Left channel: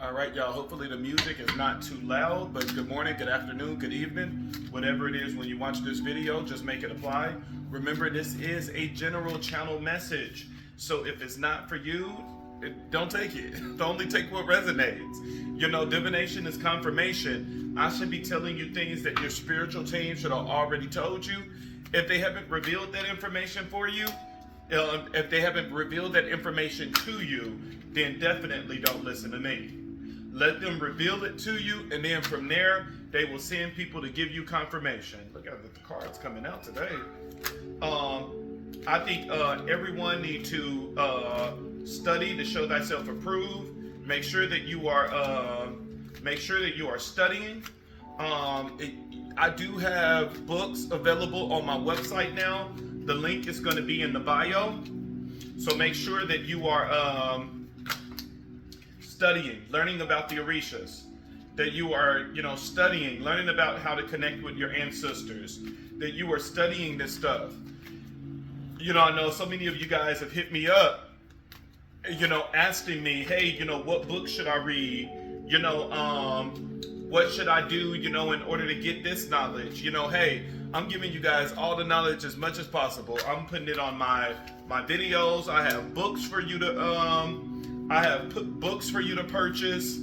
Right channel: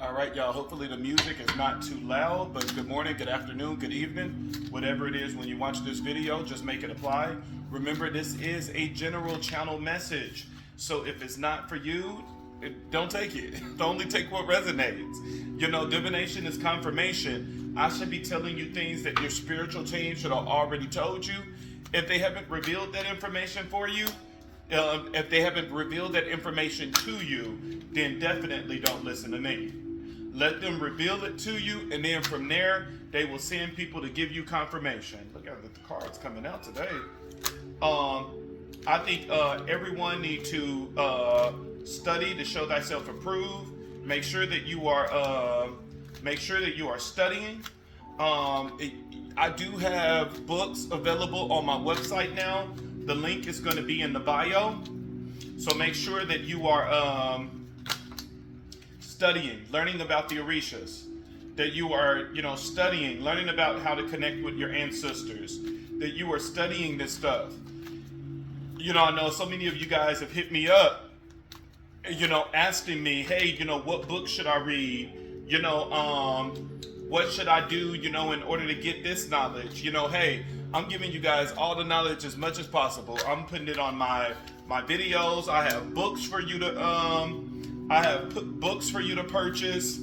All right, y'all. Hopefully the music is not too loud, but good morning, good afternoon, good evening. Whatever it is when you watch this video, just make it apply. Remember, this is a general channel message. So if it's not for you, don't take it. Only take what resonates. You know, divination is confirmation. I should be telling you things that your spiritual team should have already told you. If they haven't revealed that information for you, if they haven't revealed that information to you, then definitely don't listen to me. Let them reveal it to you, and then from there, they will send people to give you confirmation. Look at the cards coming out today. I think everyone need to study to show thyself approved. Make sure that you are studying. I do have books available on my website now. The link is going to be in the bio. So make sure that you are studying, learning about the Orishas, that you are, studying, learning about how to connect with your ancestors, that you are studying this stuff. I know so many of you guys have hit me up, asking me, hey, what book should I read? What should I do, in order to get this knowledge? Hey, I'm giving you guys all the knowledge as much as possible. I'm putting it on my videos. I have books for you to books for you to purchase.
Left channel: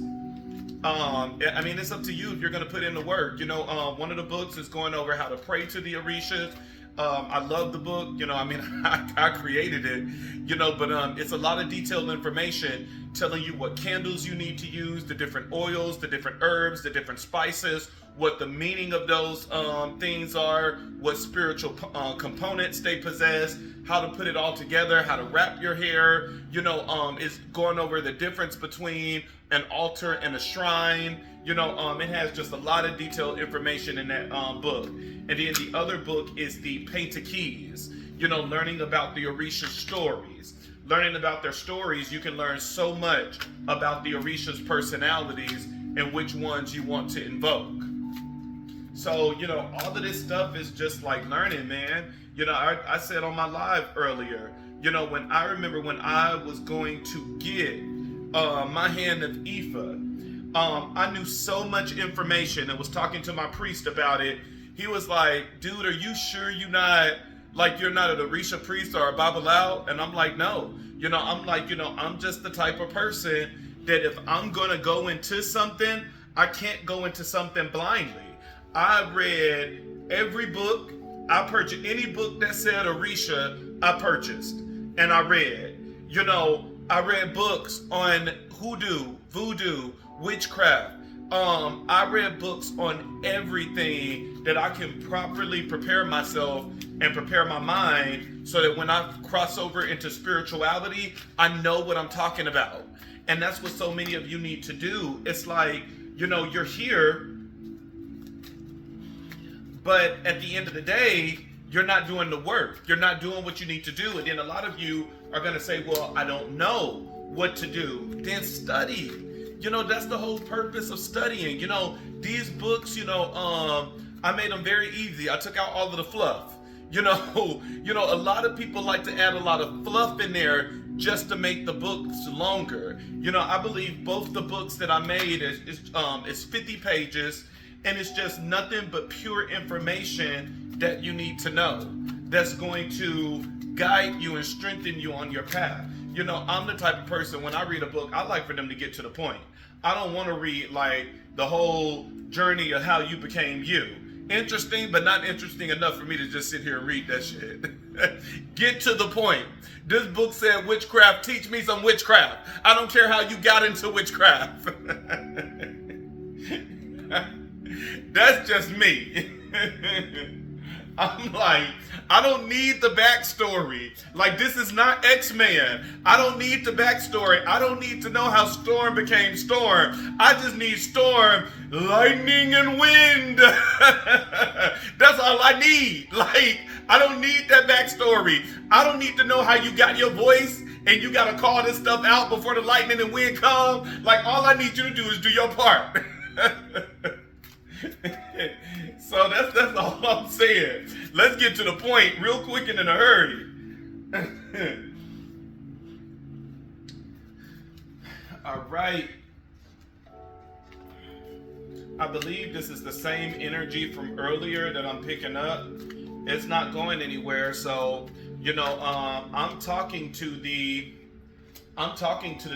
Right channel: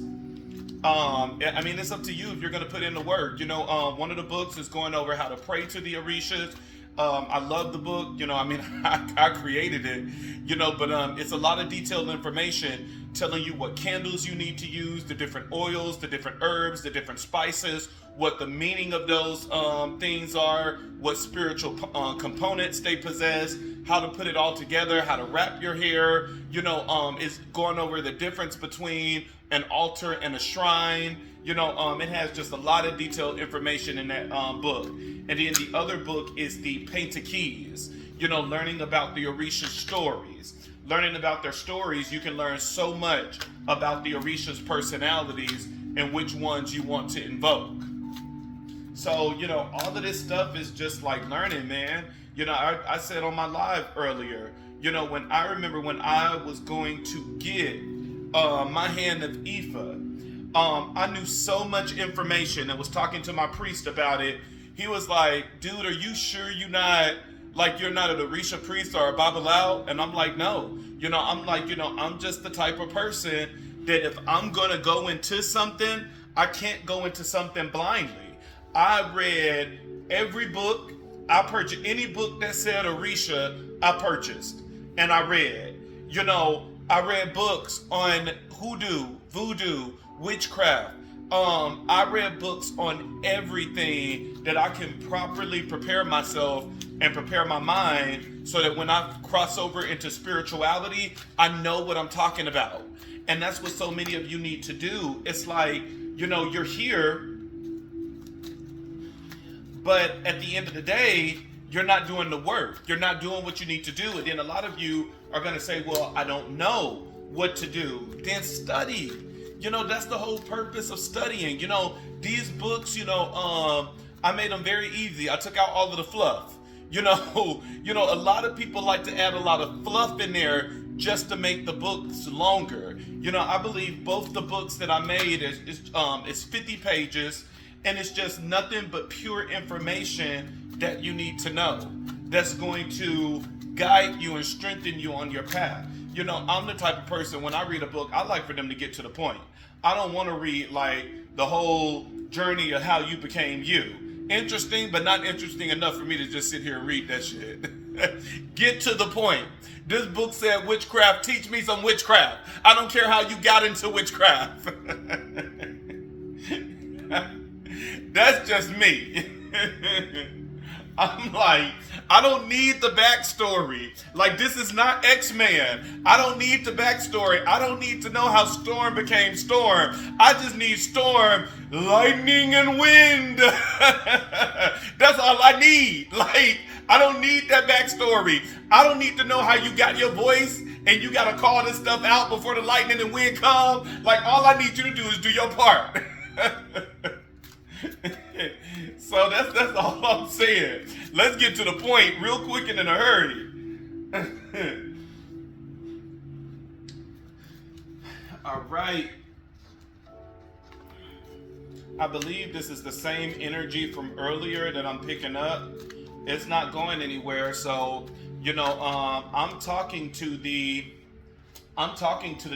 I mean, it's up to you if you're going to put in the work. One of the books is going over how to pray to the Orishas. I love the book. I created it, but it's a lot of detailed information telling you what candles you need to use, the different oils, the different herbs, the different spices, what the meaning of those things are, what spiritual components they possess, how to put it all together, how to wrap your hair. It's going over the difference between an altar and a shrine. It has just a lot of detailed information in that book. And then the other book is the Painted Keys, learning about the Orisha stories. Learning about their stories, you can learn so much about the Orisha's personalities and which ones you want to invoke. So, all of this stuff is just like learning, man. I said on my live earlier, when I was going to get my hand of Ifa, I knew so much information and was talking to my priest about it. He was like, dude, are you sure you're not an Orisha priest or a Babalao? And I'm like, no. I'm just the type of person that if I'm going to go into something, I can't go into something blindly. I read every book. I purchased any book that said Orisha, I purchased. And I read. I read books on hoodoo, voodoo, witchcraft. I read books on everything that I can properly prepare myself and prepare my mind so that when I cross over into spirituality, I know what I'm talking about. And that's what so many of you need to do. It's like, you're here, but at the end of the day, you're not doing the work. You're not doing what you need to do. And then a lot of you are going to say, well, I don't know what to do. Then study. That's the whole purpose of studying. These books, I made them very easy. I took out all of the fluff. A lot of people like to add a lot of fluff in there just to make the books longer. I believe both the books that I made is 50 pages, and it's just nothing but pure information that you need to know that's going to guide you and strengthen you on your path. I'm the type of person, when I read a book, I like for them to get to the point. I don't want to read like the whole journey of how you became you. Interesting, but not interesting enough for me to just sit here and read that shit. Get to the point. This book said witchcraft, teach me some witchcraft. I don't care how you got into witchcraft. That's just me. I'm like, I don't need the backstory. Like, this is not X-Men. I don't need the backstory. I don't need to know how Storm became Storm. I just need Storm, lightning, and wind. That's all I need. Like, I don't need that backstory. I don't need to know how you got your voice and you got to call this stuff out before the lightning and wind come. Like, all I need you to do is do your part. So that's all I'm saying. Let's get to the point real quick and in a hurry. All right. I believe this is the same energy from earlier that I'm picking up. It's not going anywhere. So, I'm talking to the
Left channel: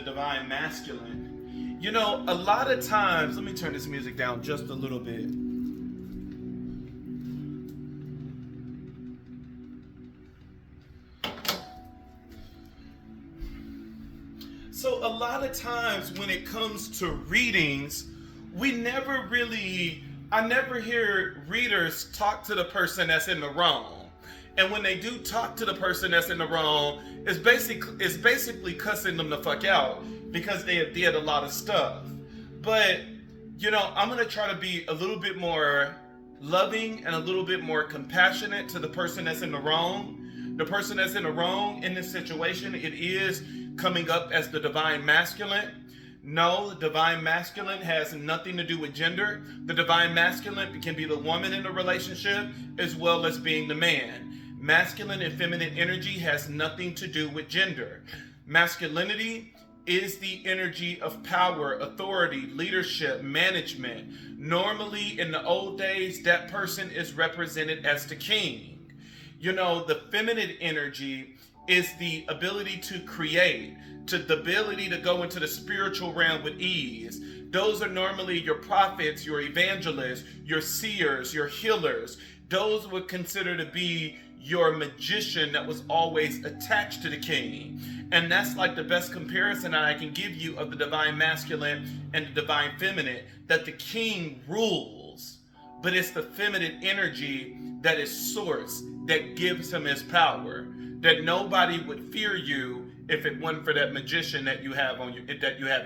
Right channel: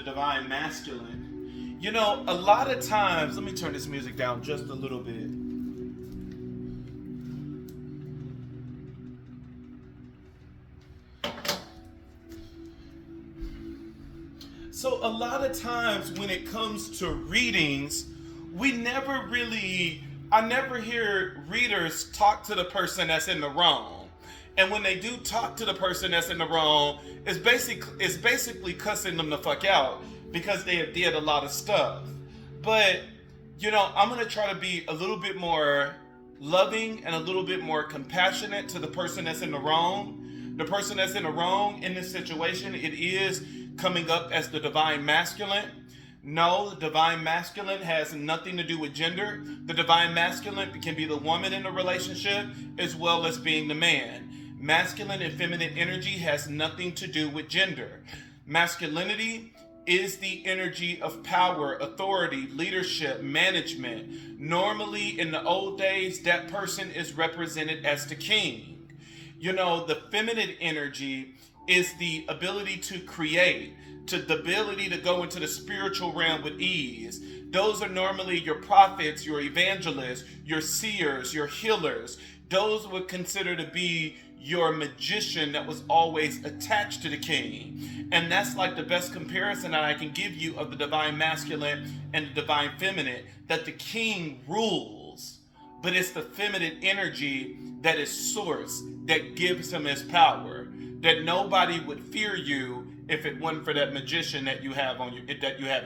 divine masculine. A lot of times, let me turn this music down just a little bit. So a lot of times when it comes to readings, I never hear readers talk to the person that's in the wrong. And when they do talk to the person that's in the wrong, it's basically cussing them the fuck out because they have did a lot of stuff. But, I'm going to try to be a little bit more loving and a little bit more compassionate to the person that's in the wrong. The person that's in the wrong in this situation, it is coming up as the divine masculine. No, the divine masculine has nothing to do with gender. The divine masculine can be the woman in the relationship as well as being the man. Masculine and feminine energy has nothing to do with gender. Masculinity is the energy of power, authority, leadership, management. Normally, in the old days, that person is represented as the king. The feminine energy is the ability to create, the ability to go into the spiritual realm with ease. Those are normally your prophets, your evangelists, your seers, your healers. Those would consider to be your magician that was always attached to the king. And that's like the best comparison that I can give you of the divine masculine and the divine feminine, that the king rules, but it's the feminine energy that is source, that gives him his power. That nobody would fear you if it wasn't for that magician that you have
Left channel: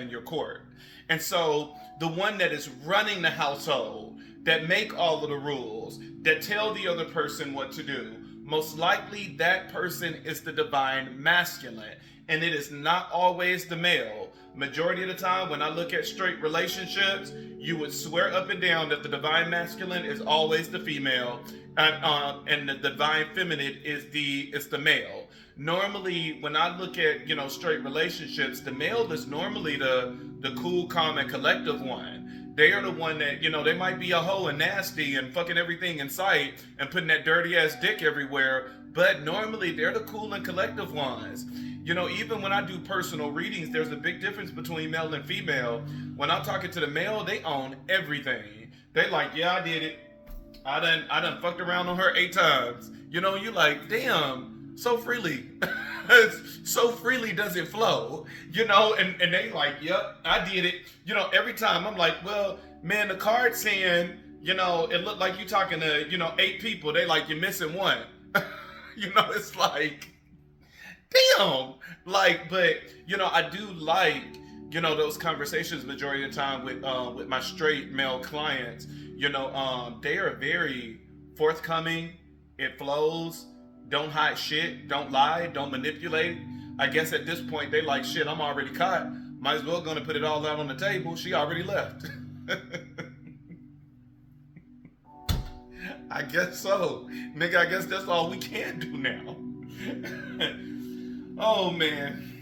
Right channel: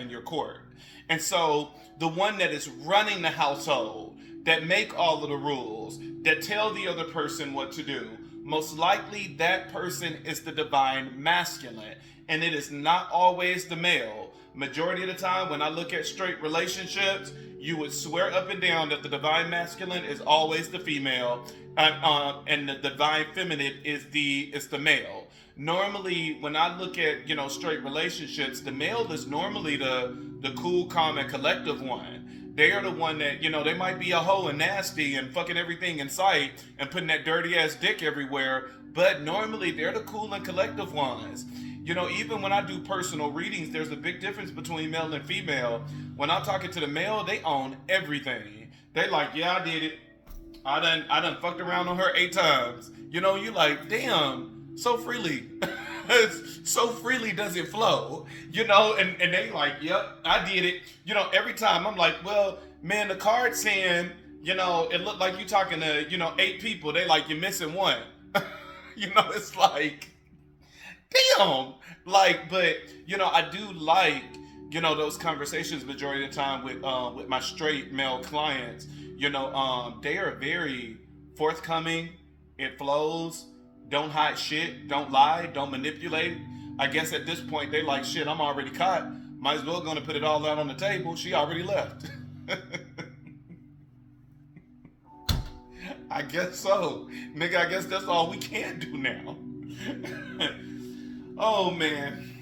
in your court. And so the one that is running the household, that make all of the rules, that tell the other person what to do, most likely that person is the divine masculine. And it is not always the male. Majority of the time when I look at straight relationships, you would swear up and down that the divine masculine is always the female, and the divine feminine is the male. Normally, when I look at straight relationships, the male is normally the cool, calm, and collective one. They are the one that they might be a hoe and nasty and fucking everything in sight and putting that dirty ass dick everywhere, but normally they're the cool and collective ones. Even when I do personal readings, there's a big difference between male and female. When I'm talking to the male, they own everything. They like, yeah, I did it. I done fucked around on her 8 times. You like, damn, so freely. So freely does it flow. And they like, yep, I did it. Every time I'm like, well, man, the card saying, it looked like you talking to, 8 people. They like, you're missing one. It's like, damn. But I do like those conversations majority of the time with my straight male clients. They are very forthcoming. It flows. Don't hide shit. Don't lie. Don't manipulate. I guess at this point they like, shit, I'm already caught. Might as well gonna put it all out on the table. She already left. I guess so. Nigga, I guess that's all we can do now. Oh man.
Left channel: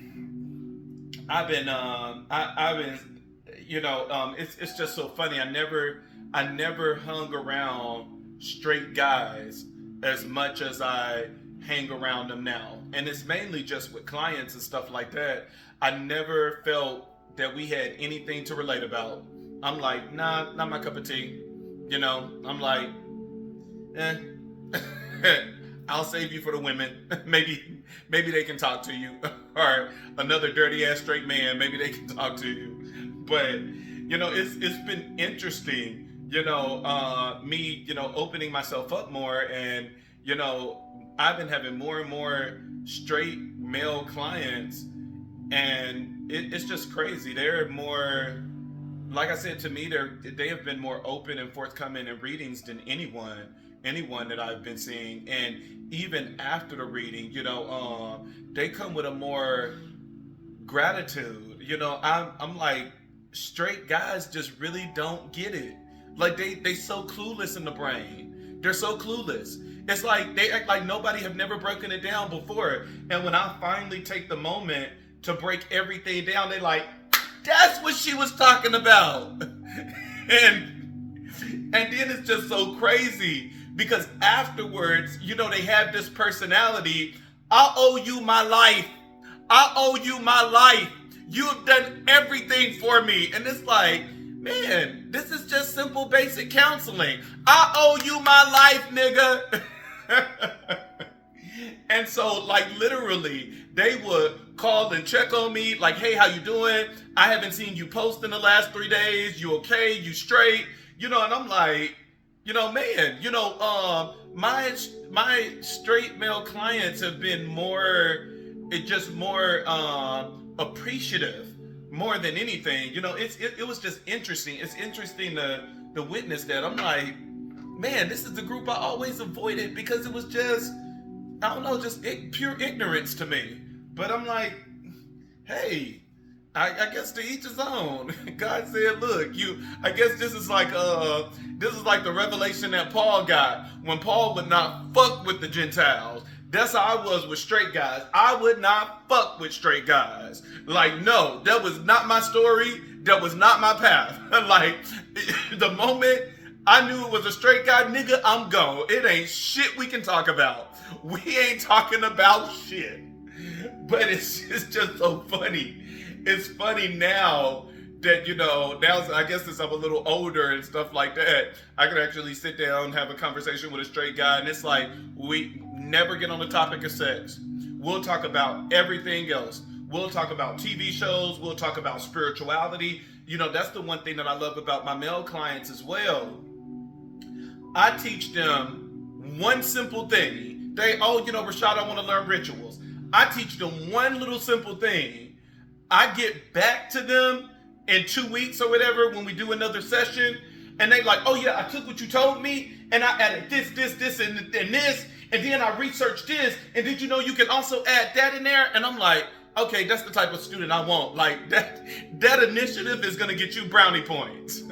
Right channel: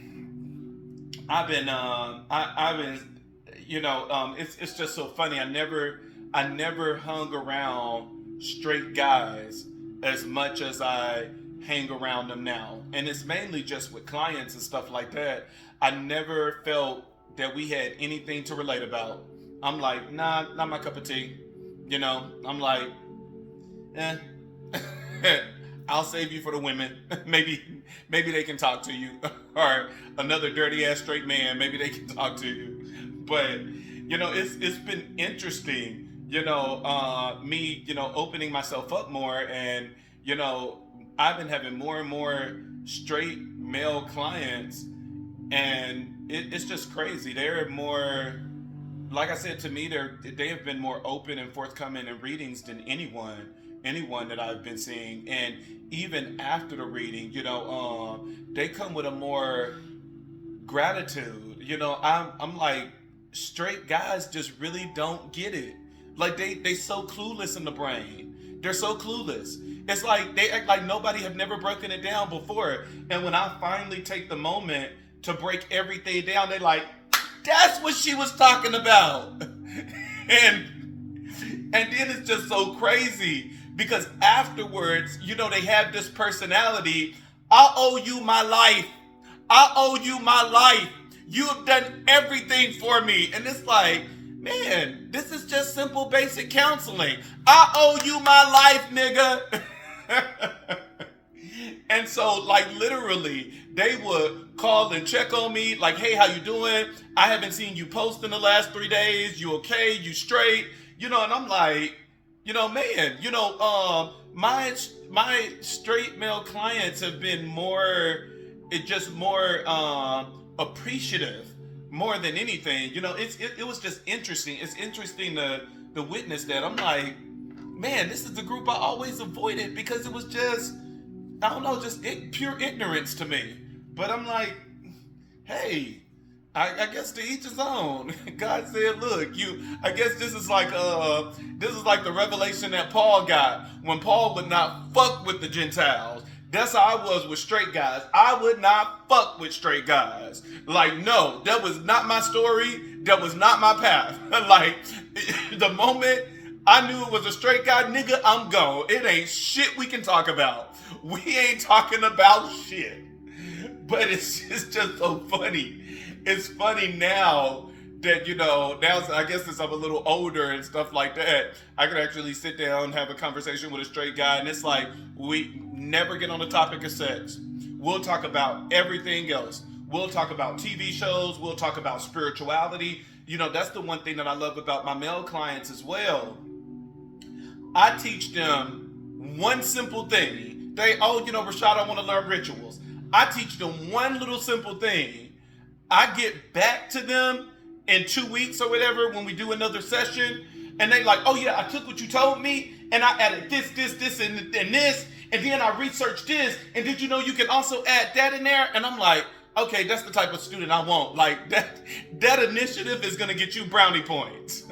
It's just so funny. I never hung around straight guys as much as I hang around them now. And it's mainly just with clients and stuff like that. I never felt that we had anything to relate about. I'm like, nah, not my cup of tea. I'm like, I'll save you for the women. Maybe they can talk to you. Or another dirty ass straight man, maybe they can talk to you. But, it's been interesting, me, opening myself up more, and, I've been having more and more straight male clients, and it's just crazy. They're more, like I said, to me, they have been more open and forthcoming in readings than anyone that I've been seeing. And even after the reading, they come with a more gratitude. I'm like, straight guys just really don't get it. Like they so clueless in the brain. They're so clueless. It's like they act like nobody have never broken it down before. And when I finally take the moment to break everything down, they like, that's what she was talking about. And And then it's just so crazy because afterwards, they have this personality. I owe you my life. I owe you my life. You have done everything for me. And it's like, man, this is just simple basic counseling. I owe you my life, nigga. And so, like, literally, they would call and check on me, like, hey, how you doing? I haven't seen you post in the last 3 days. You okay? You straight? And I'm like, man, my straight male clients have been more appreciative more than anything. It was just interesting. It's interesting to witness that. I'm like, man, this is the group I always avoided because it was just, I don't know, just pure ignorance to me. But I'm like, hey, I guess to each his own. God said, look, I guess this is like the revelation that Paul got when Paul would not fuck with the Gentiles. That's how I was with straight guys. I would not fuck with straight guys. Like, no, that was not my story. That was not my path. Like, the moment I knew it was a straight guy, nigga, I'm gone. It ain't shit we can talk about. We ain't talking about shit. But it's just so funny. It's funny now that, now I guess since I'm a little older and stuff like that, I can actually sit down and have a conversation with a straight guy. And it's like, we never get on the topic of sex. We'll talk about everything else. We'll talk about TV shows. We'll talk about spirituality. That's the one thing that I love about my male clients as well. I teach them one simple thing. Rashad, I want to learn rituals. I teach them one little simple thing. I get back to them in 2 weeks or whatever when we do another session, and they like, oh yeah, I took what you told me, and I added this, and this, and then I researched this, and did you know you can also add that in there? And I'm like, okay, that's the type of student I want. Like, that initiative is gonna get you brownie points.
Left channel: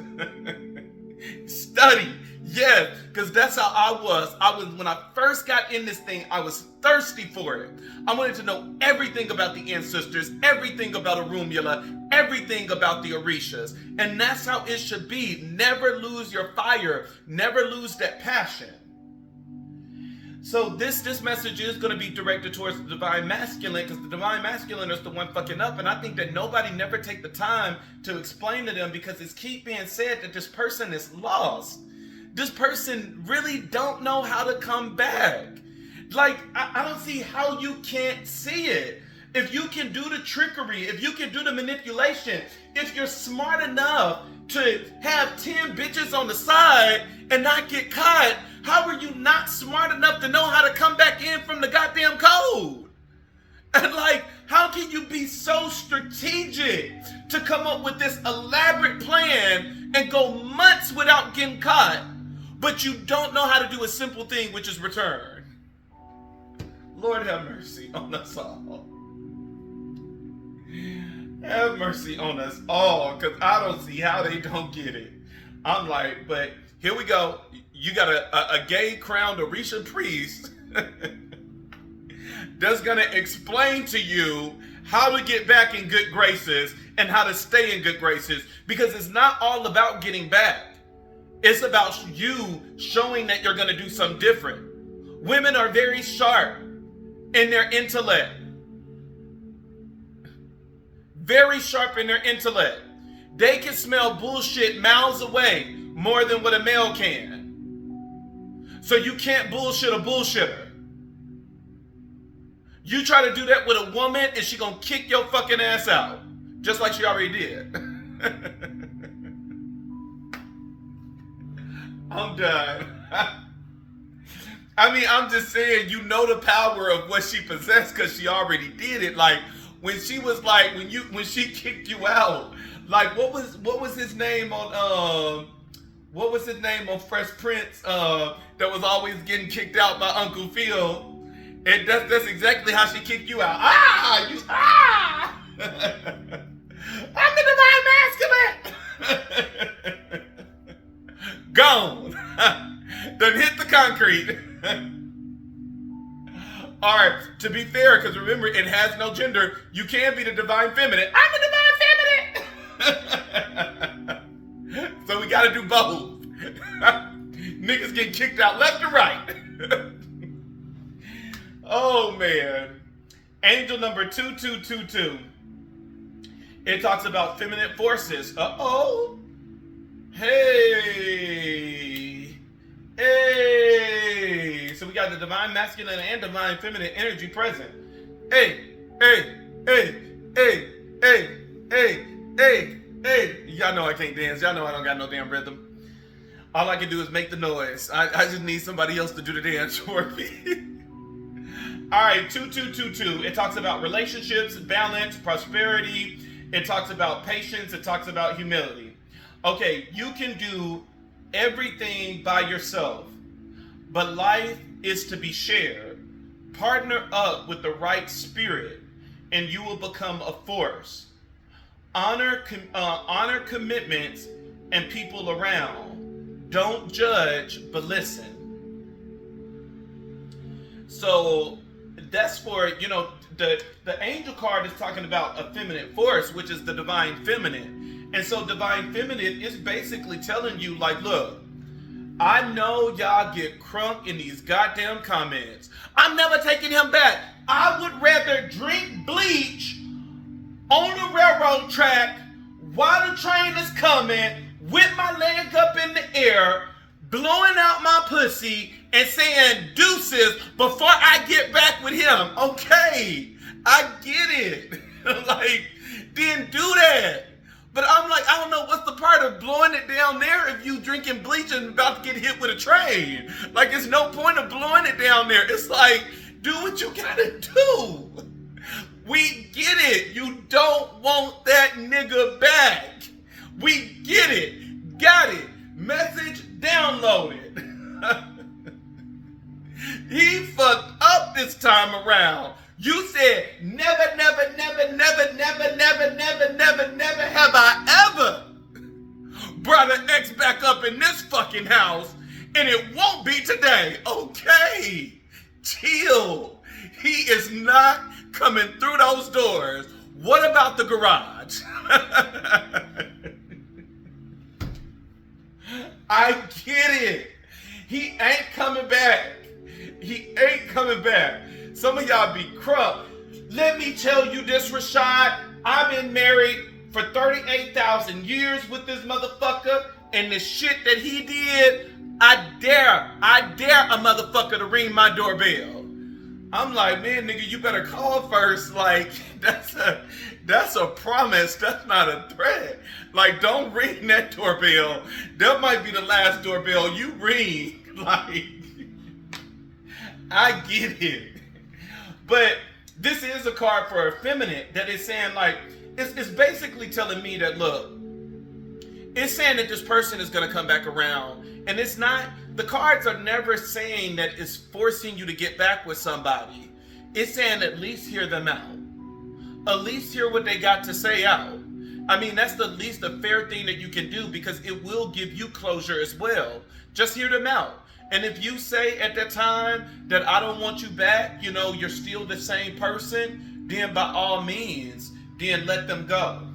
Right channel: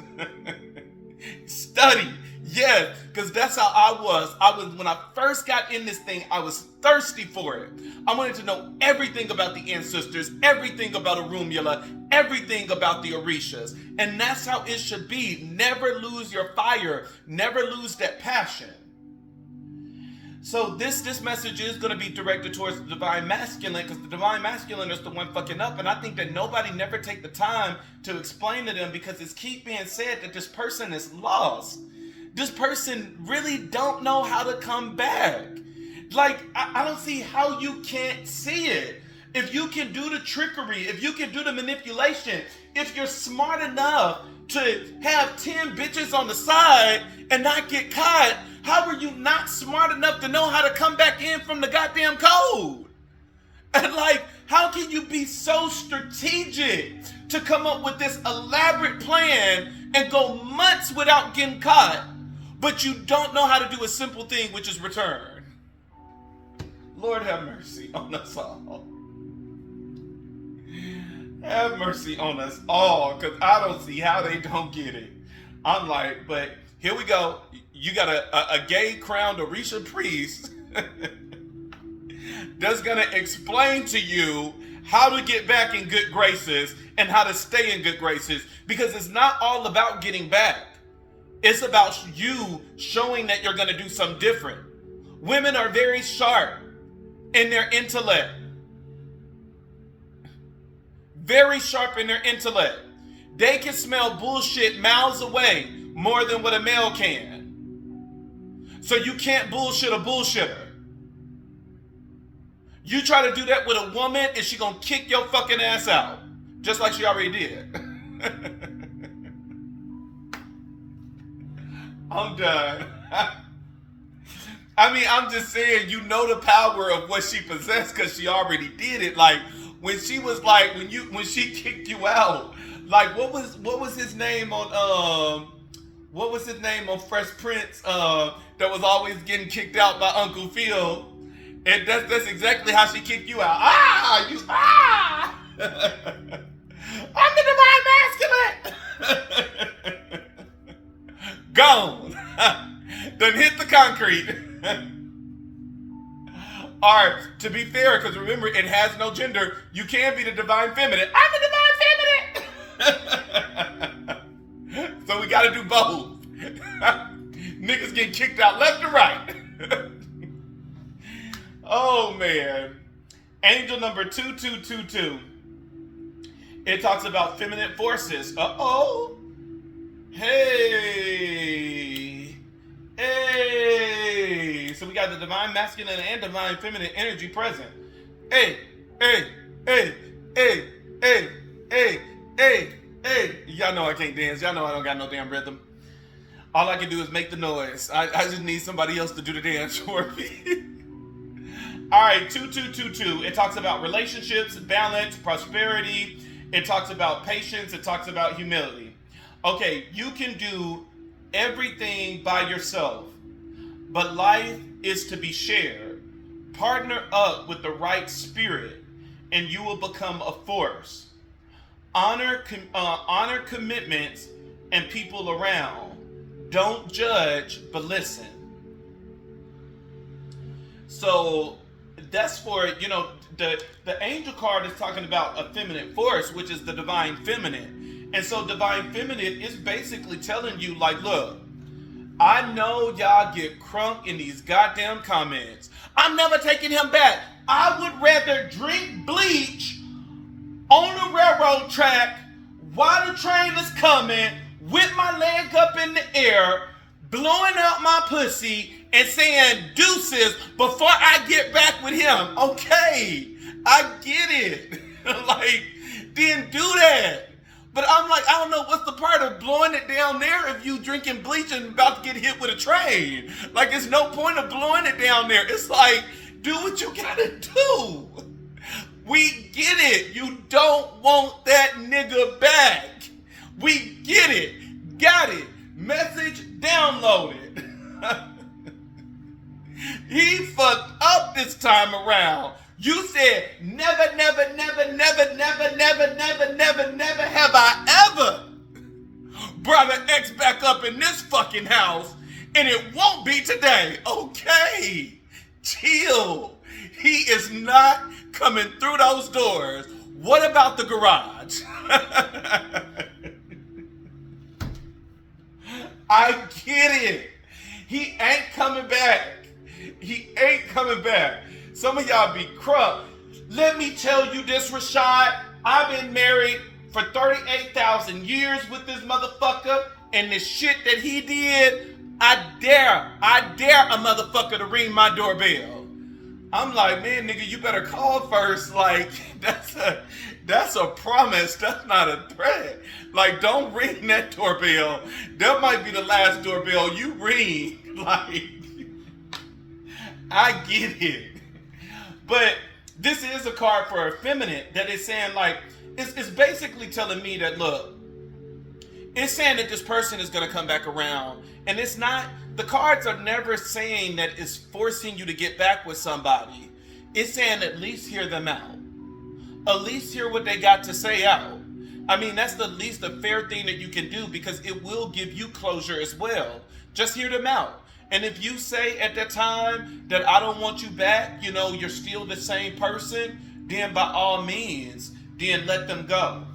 Study. Yes, because that's how I was. When I first got in this thing, I was thirsty for it. I wanted to know everything about the ancestors, everything about Arumula, everything about the Orishas. And that's how it should be. Never lose your fire. Never lose that passion. So this message is going to be directed towards the divine masculine, because the divine masculine is the one fucking up. And I think that nobody never take the time to explain to them, because it's keep being said that this person is lost. This person really don't know how to come back. Like, I don't see how you can't see it. If you can do the trickery, if you can do the manipulation, if you're smart enough to have 10 bitches on the side and not get caught, how are you not smart enough to know how to come back in from the goddamn code? And like, how can you be so strategic to come up with this elaborate plan and go months without getting caught, but you don't know how to do a simple thing, which is return? Lord have mercy on us all. Have mercy on us all, because I don't see how they don't get it. I'm like, but here we go. You got a gay crowned Orisha priest that's going to explain to you how to get back in good graces and how to stay in good graces, because it's not all about getting back. It's about you showing that you're going to do something different. Women are very sharp in their intellect. Very sharp in their intellect. They can smell bullshit miles away more than what a male can. So you can't bullshit a bullshitter. You try to do that with a woman and she gonna kick your fucking ass out. Just like she already did. I'm done. I mean, I'm just saying, you know the power of what she possessed because she already did it. Like, when she was like, when she kicked you out, like, what was his name on Fresh Prince that was always getting kicked out by Uncle Phil? And that's exactly how she kicked you out. I'm the divine masculine. Gone. Done hit the concrete. All right, to be fair, because remember, it has no gender. You can be the divine feminine. I'm the divine feminine. So we got to do both. Niggas getting kicked out left and right. Oh man. Angel number 2222. It talks about feminine forces. Uh-oh. Hey. Hey. So we got the divine masculine and divine feminine energy present. Hey. Hey. Hey. Hey. Hey. Hey. Hey. Hey. Y'all know I can't dance. Y'all know I don't got no damn rhythm. All I can do is make the noise. I just need somebody else to do the dance for me. All right, 2222. It talks about relationships, balance, prosperity. It talks about patience. It talks about humility. Okay, you can do everything by yourself, but life is to be shared. Partner up with the right spirit, and you will become a force. Honor commitments and people around. Don't judge, but listen. So that's for, the angel card is talking about a feminine force, which is the divine feminine. And so divine feminine is basically telling you, like, look, I know y'all get crunk in these goddamn comments. I'm never taking him back. I would rather drink bleach on the railroad track while the train is coming, with my leg up in the air, blowing out my pussy, and saying deuces before I get back with him. Okay, I get it. Like, didn't do that. But I'm like, I don't know what's the part of blowing it down there if you drinking bleach and about to get hit with a train. Like, there's no point of blowing it down there. It's like, do what you gotta do. We get it. You don't want that nigga back. We get it. Got it. Message downloaded. He fucked up this time around. You said never, never, never, never, never, never, never, never, never have I ever brought an ex back up in this fucking house, and it won't be today. Okay. Chill. He is not coming through those doors. What about the garage? I get it. He ain't coming back. He ain't coming back. Some of y'all be crunk. Let me tell you this, Rashad. I've been married for 38,000 years with this motherfucker, and the shit that he did, I dare a motherfucker to ring my doorbell. I'm like, man, nigga, you better call first. Like, that's a promise. That's not a threat. Like, don't ring that doorbell. That might be the last doorbell you ring. Like, I get it. But this is a card for a feminine that is saying, like, it's basically telling me that, look, it's saying that this person is going to come back around. And it's not, the cards are never saying that it's forcing you to get back with somebody. It's saying at least hear them out. At least hear what they got to say out. I mean, that's the least a fair thing that you can do, because it will give you closure as well. Just hear them out. And if you say at that time that I don't want you back, you're still the same person, then by all means, then let them go.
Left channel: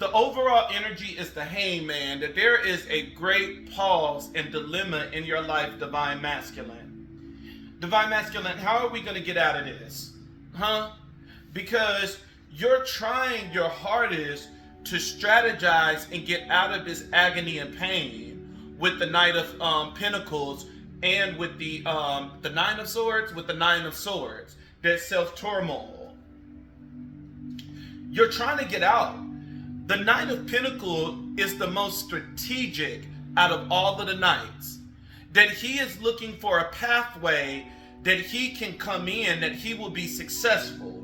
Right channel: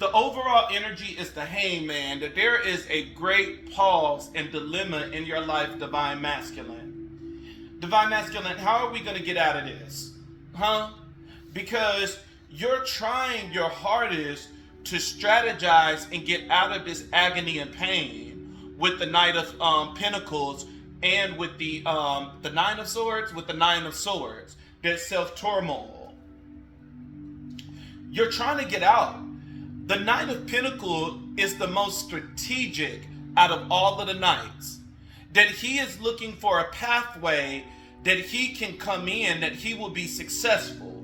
The overall energy is the hangman, that there is a great pause and dilemma in your life, divine masculine. Divine masculine, how are we going to get out of this? Because you're trying your hardest to strategize and get out of this agony and pain with the Knight of Pentacles and with the Nine of Swords, that self-turmoil. You're trying to get out. The Knight of Pentacles is the most strategic out of all of the knights. That he is looking for a pathway that he can come in, that he will be successful.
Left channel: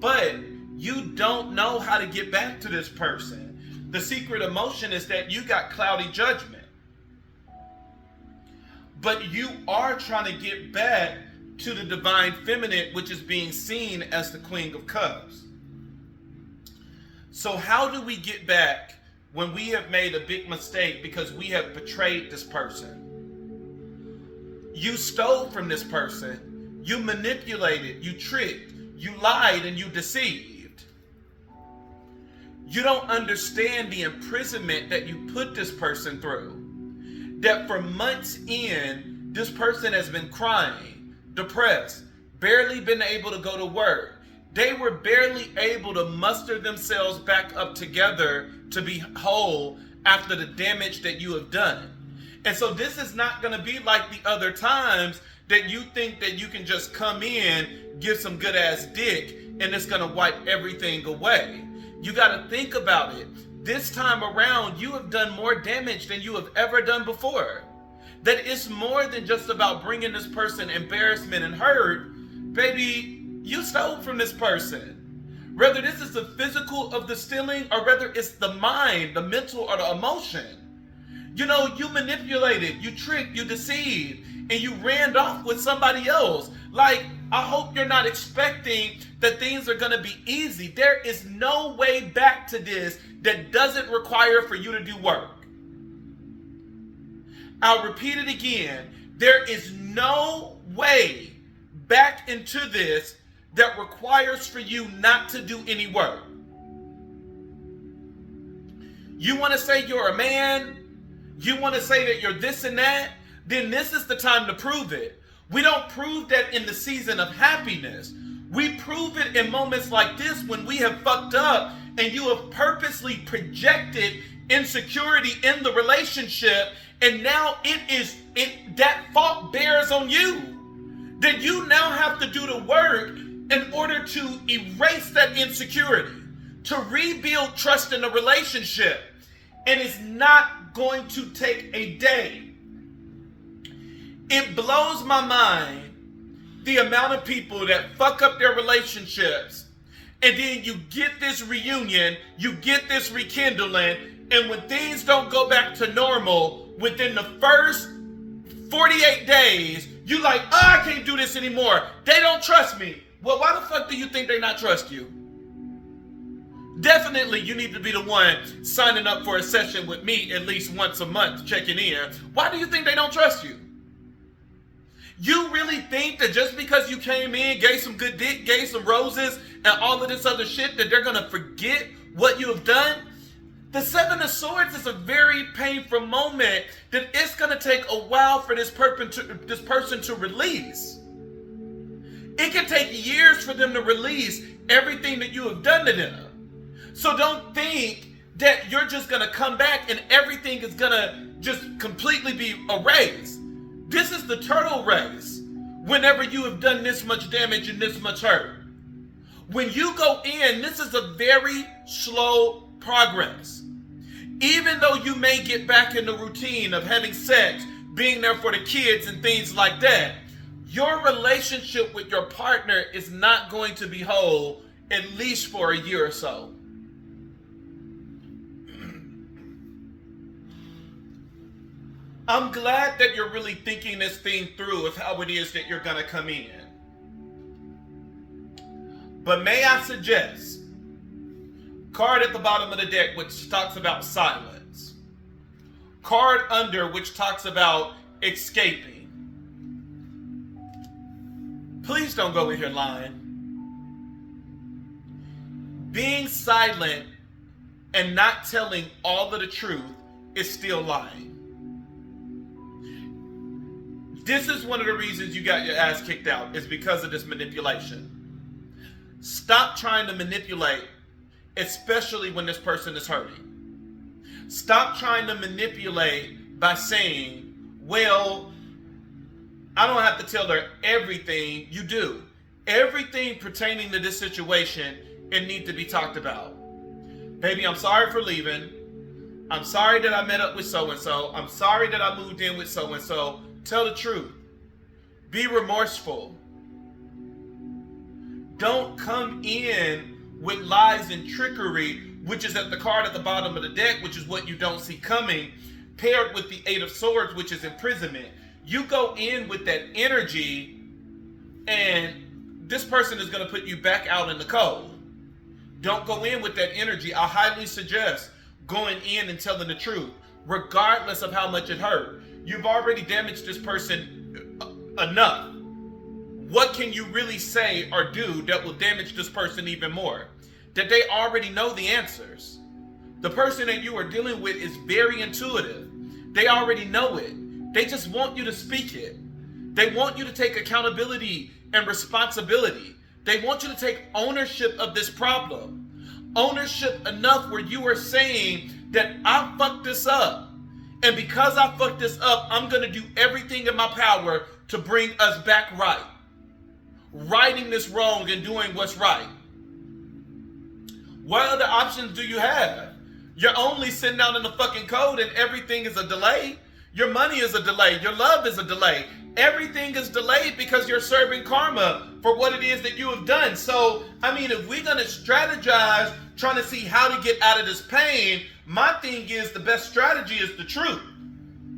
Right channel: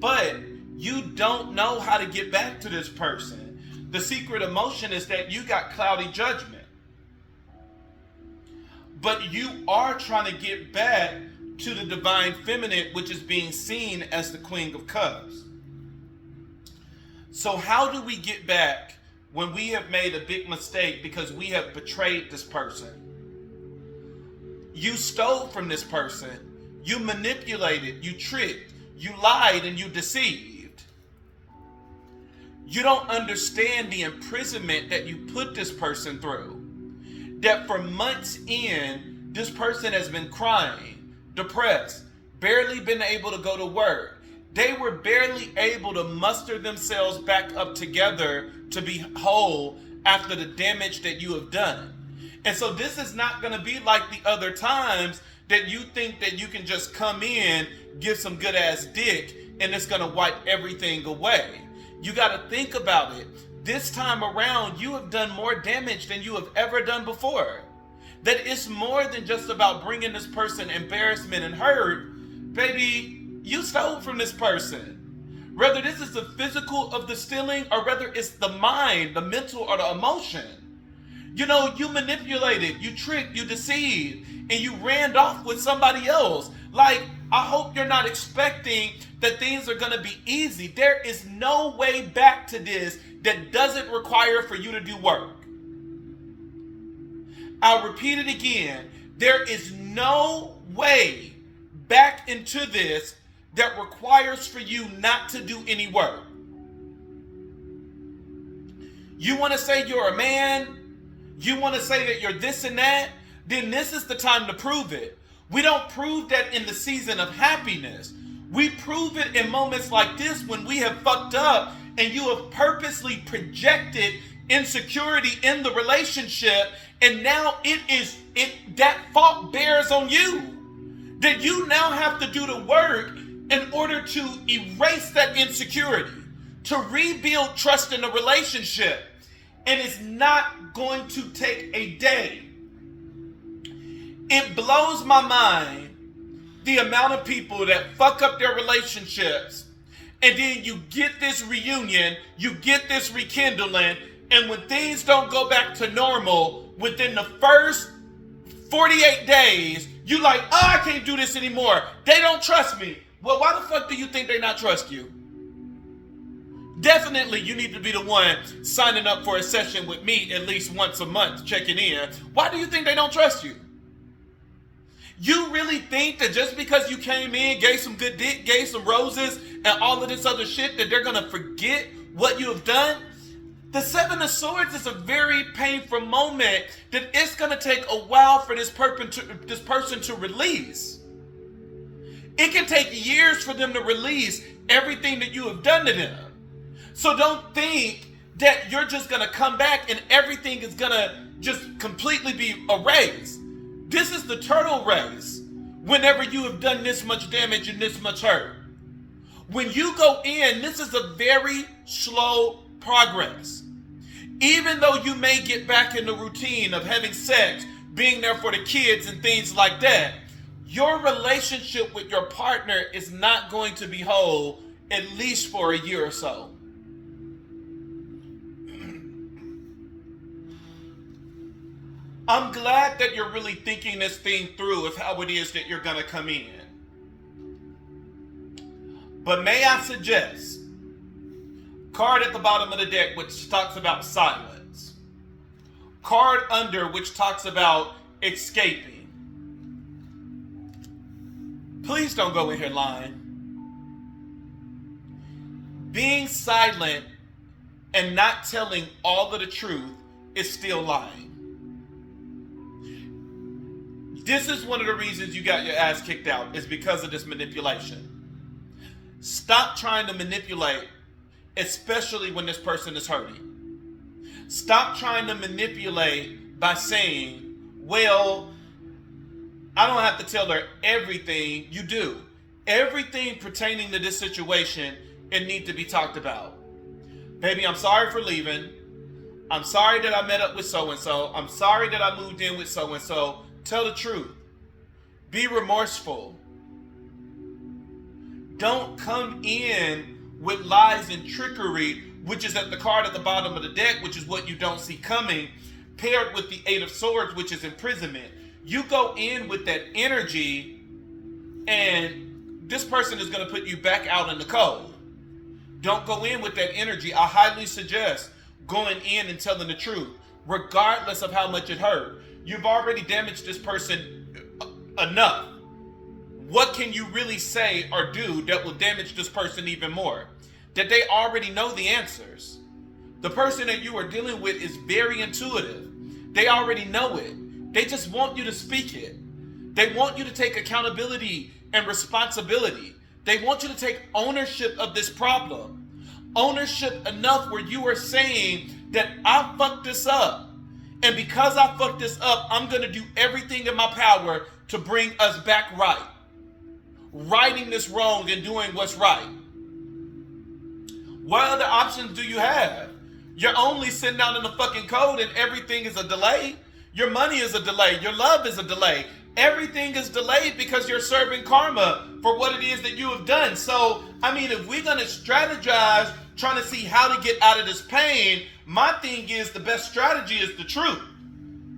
But you don't know how to get back to this person. The secret emotion is that you got cloudy judgment. But you are trying to get back to the divine feminine, which is being seen as the Queen of Cups. So how do we get back when we have made a big mistake because we have betrayed this person? You stole from this person. You manipulated. You tricked. You lied and you deceived. You don't understand the imprisonment that you put this person through. That for months in, this person has been crying, depressed, barely been able to go to work. They were barely able to muster themselves back up together to be whole after the damage that you have done. And so this is not going to be like the other times that you think that you can just come in, give some good ass dick, and it's going to wipe everything away. You got to think about it. This time around, you have done more damage than you have ever done before. That it's more than just about bringing this person embarrassment and hurt. Baby, you stole from this person. Whether this is the physical of the stealing or whether it's the mind, the mental, or the emotion. You know, you manipulated, you tricked, you deceived, and you ran off with somebody else. Like, I hope you're not expecting that things are going to be easy. There is no way back to this that doesn't require for you to do work. I'll repeat it again. There is no way back into this that requires for you not to do any work. You want to say you're a man? You want to say that you're this and that? Then this is the time to prove it. We don't prove that in the season of happiness. We prove it in moments like this when we have fucked up and you have purposely projected insecurity in the relationship, and now that fault bears on you. That you now have to do the work in order to erase that insecurity, to rebuild trust in the relationship. And it's not going to take a day. It blows my mind the amount of people that fuck up their relationships, and then you get this reunion, you get this rekindling, and when things don't go back to normal within the first 48 days, you like, oh, I can't do this anymore. They don't trust me. Well, why the fuck do you think they not trust you? Definitely, you need to be the one signing up for a session with me at least once a month, checking in. Why do you think they don't trust you? You really think that just because you came in, gave some good dick, gave some roses, and all of this other shit, that they're going to forget what you have done? The Seven of Swords is a very painful moment that it's going to take a while for this person to release. It can take years for them to release everything that you have done to them. So don't think that you're just going to come back and everything is going to just completely be erased. This is the turtle race whenever you have done this much damage and this much hurt. When you go in, this is a very slow progress. Even though you may get back in the routine of having sex, being there for the kids and things like that, your relationship with your partner is not going to be whole at least for a year or so. I'm glad that you're really thinking this thing through of how it is that you're going to come in. But may I suggest, card at the bottom of the deck which talks about silence. Card under which talks about escaping. Please don't go in here lying. Being silent and not telling all of the truth is still lying. This is one of the reasons you got your ass kicked out, is because of this manipulation. Stop trying to manipulate, especially when this person is hurting. Stop trying to manipulate by saying, well, I don't have to tell her everything. You do. Everything pertaining to this situation, it needs to be talked about. Baby, I'm sorry for leaving. I'm sorry that I met up with so-and-so. I'm sorry that I moved in with so-and-so. Tell the truth. Be remorseful. Don't come in with lies and trickery, which is at the card at the bottom of the deck, which is what you don't see coming, paired with the Eight of Swords, which is imprisonment. You go in with that energy, and this person is going to put you back out in the cold. Don't go in with that energy. I highly suggest going in and telling the truth, regardless of how much it hurt. You've already damaged this person enough. What can you really say or do that will damage this person even more? that they already know the answers. The person that you are dealing with is very intuitive. They already know it. They just want you to speak it. They want you to take accountability and responsibility. They want you to take ownership of this problem. Ownership enough where you are saying that I fucked this up. And because I fucked this up, I'm going to do everything in my power to bring us back right. Righting this wrong and doing what's right. What other options do you have? You're only sitting down in the fucking code and everything is a delay. Your money is a delay. Your love is a delay. Everything is delayed because you're serving karma for what it is that you have done. So, I mean, if we're going to strategize trying to see how to get out of this pain, my thing is the best strategy is the truth.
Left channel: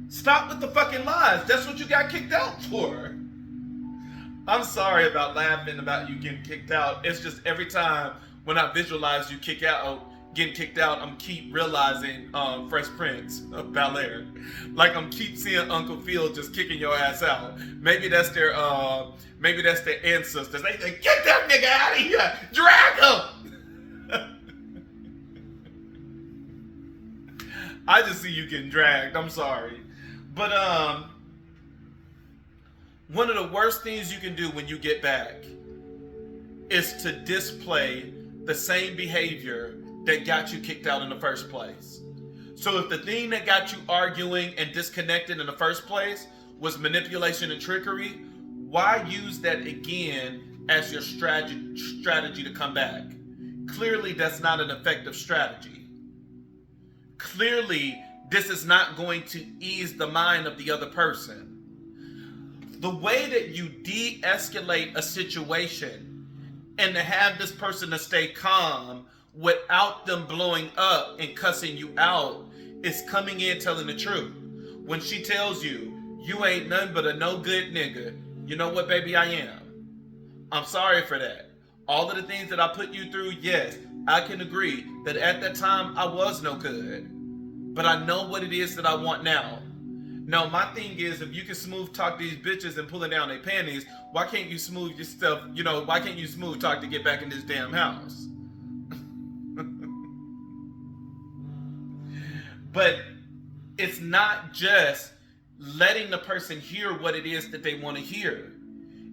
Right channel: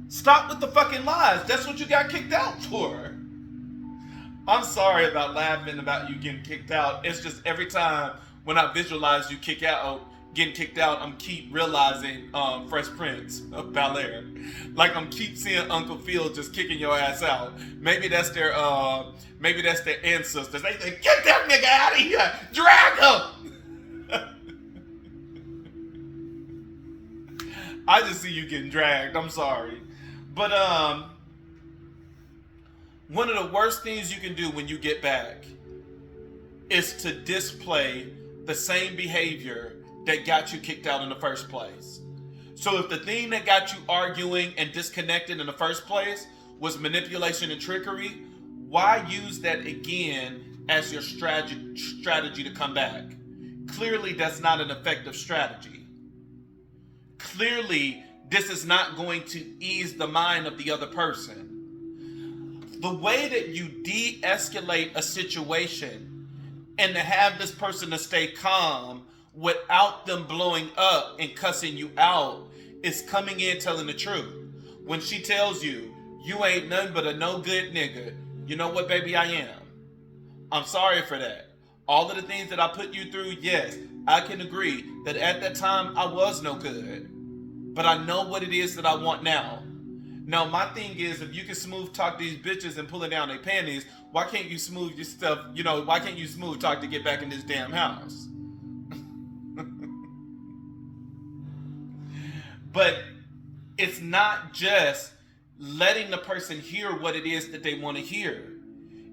Stop with the fucking lies. That's what you got kicked out for. I'm sorry about laughing about you getting kicked out. It's just every time when I visualize you getting kicked out, I'm keep realizing Fresh Prince of Bel-Air. Like I'm keep seeing Uncle Phil just kicking your ass out. Maybe that's their ancestors. They say, get that nigga out of here! Drag him! I just see you getting dragged. I'm sorry. But one of the worst things you can do when you get back is to display the same behavior that got you kicked out in the first place. So if the thing that got you arguing and disconnected in the first place was manipulation and trickery, why use that again as your strategy to come back? Clearly, that's not an effective strategy. Clearly, this is not going to ease the mind of the other person. The way that you de-escalate a situation and to have this person to stay calm without them blowing up and cussing you out is coming in telling the truth. When she tells you, you ain't nothing but a no good nigga, you know what, baby, I am. I'm sorry for that. All of the things that I put you through, yes, I can agree that at that time I was no good. But I know what it is that I want now. Now, my thing is, if you can smooth talk these bitches and pulling down their panties, why can't you smooth your stuff, why can't you smooth talk to get back in this damn house? But it's not just letting the person hear what it is that they want to hear.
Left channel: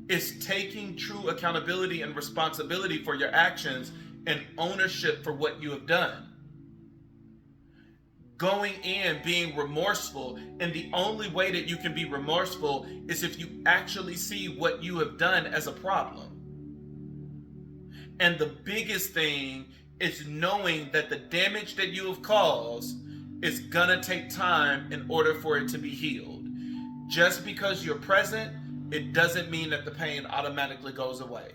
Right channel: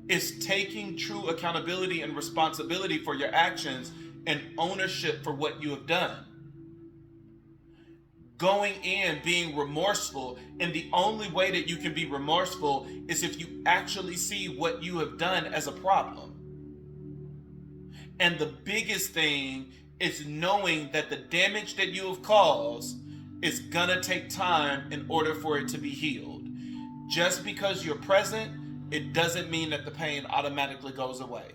It's taking true accountability and responsibility for your actions and ownership for what you have done. Going in, being remorseful, and the only way that you can be remorseful is if you actually see what you have done as a problem. And the biggest thing is knowing that the damage that you have caused is gonna take time in order for it to be healed. Just because you're present, it doesn't mean that the pain automatically goes away.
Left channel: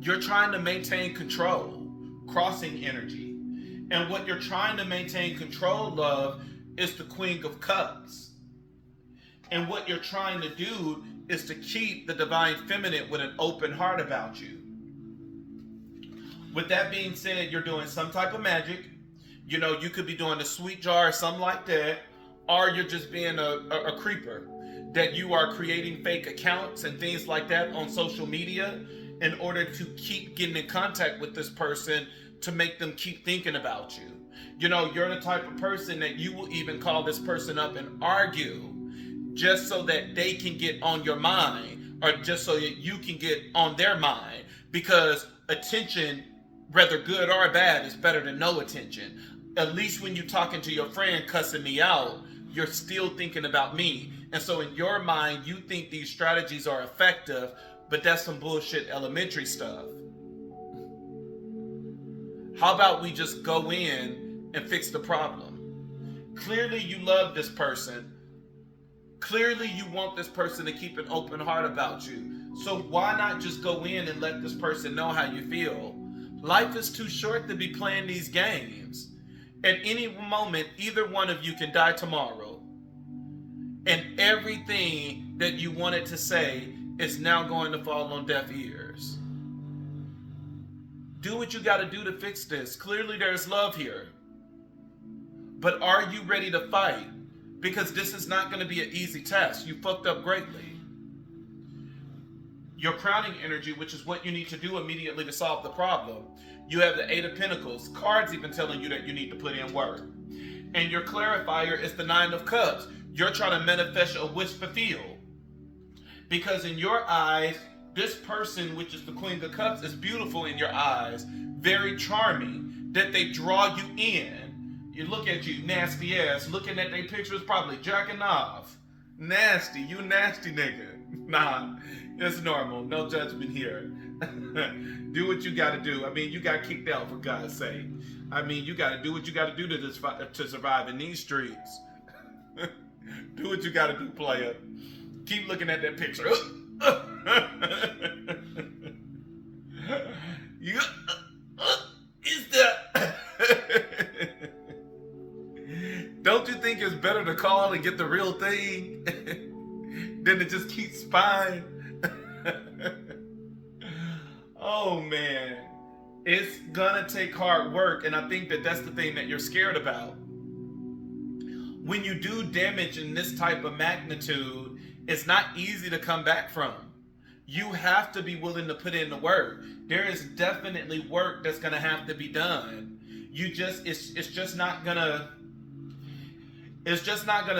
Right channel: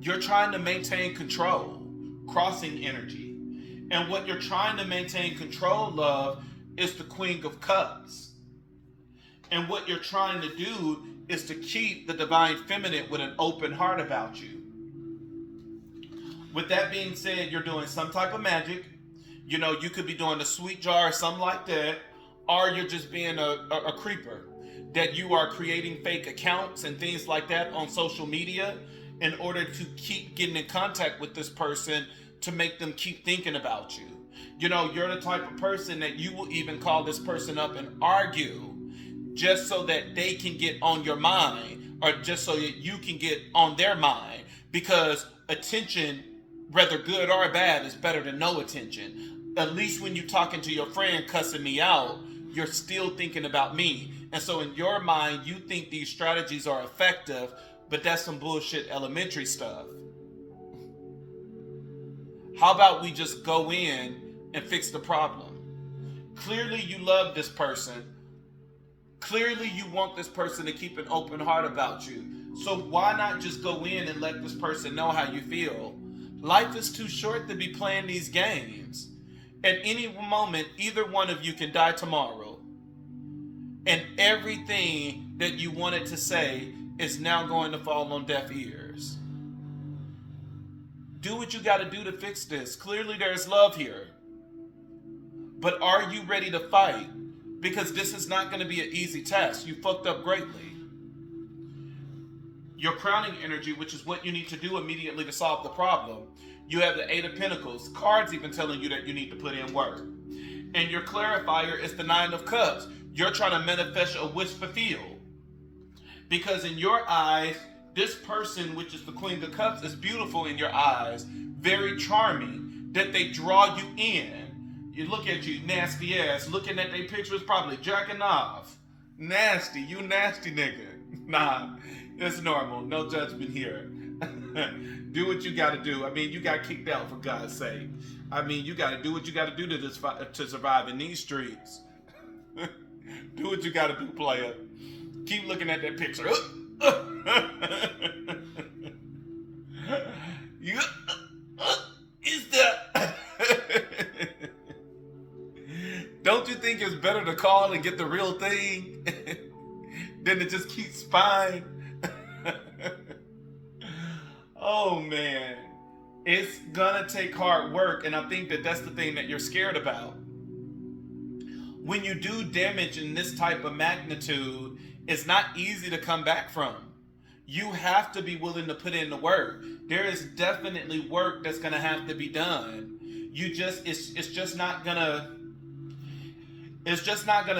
You're trying to maintain control. Crossing energy. And what you're trying to maintain control of is the Queen of Cups. And what you're trying to do is to keep the divine feminine with an open heart about you. With that being said, you're doing some type of magic. You could be doing a sweet jar or something like that. Or you're just being a creeper. That you are creating fake accounts and things like that on social media in order to keep getting in contact with this person to make them keep thinking about you. You're the type of person that you will even call this person up and argue just so that they can get on your mind or just so that you can get on their mind, because attention, whether good or bad, is better than no attention. At least when you're talking to your friend cussing me out, you're still thinking about me. And so in your mind, you think these strategies are effective, but that's some bullshit elementary stuff. How about we just go in and fix the problem? Clearly you love this person. Clearly you want this person to keep an open heart about you. So why not just go in and let this person know how you feel? Life is too short to be playing these games. At any moment, either one of you can die tomorrow. And everything that you wanted to say is now going to fall on deaf ears. Do what you got to do to fix this. Clearly there's love here. But are you ready to fight? Because this is not going to be an easy task. You fucked up greatly. your crowning energy, which is what you need to do immediately to solve the problem. You have the Eight of Pentacles, cards even telling you that you need to put in work. And your clarifier is the Nine of Cups. You're trying to manifest a wish fulfilled. Because in your eyes, this person, which is the Queen of Cups, is beautiful in your eyes, very charming, that they draw you in. You look at you, nasty ass, looking at their pictures, probably jacking off. Nasty, you nasty nigga. Nah, it's normal, no judgment here. Do what you gotta do. I mean, you got kicked out, for God's sake. I mean, you gotta do what you gotta do to survive in these streets. Do what you gotta do, player. Keep looking at that picture. Is that? Don't you think it's better to call and get the real thing than to just keep spying? Oh man, it's gonna take hard work, and I think that that's the thing that you're scared about. When you do damage in this type of magnitude, it's not easy to come back from. You have to be willing to put in the work. There is definitely work that's gonna have to be done. It's just not gonna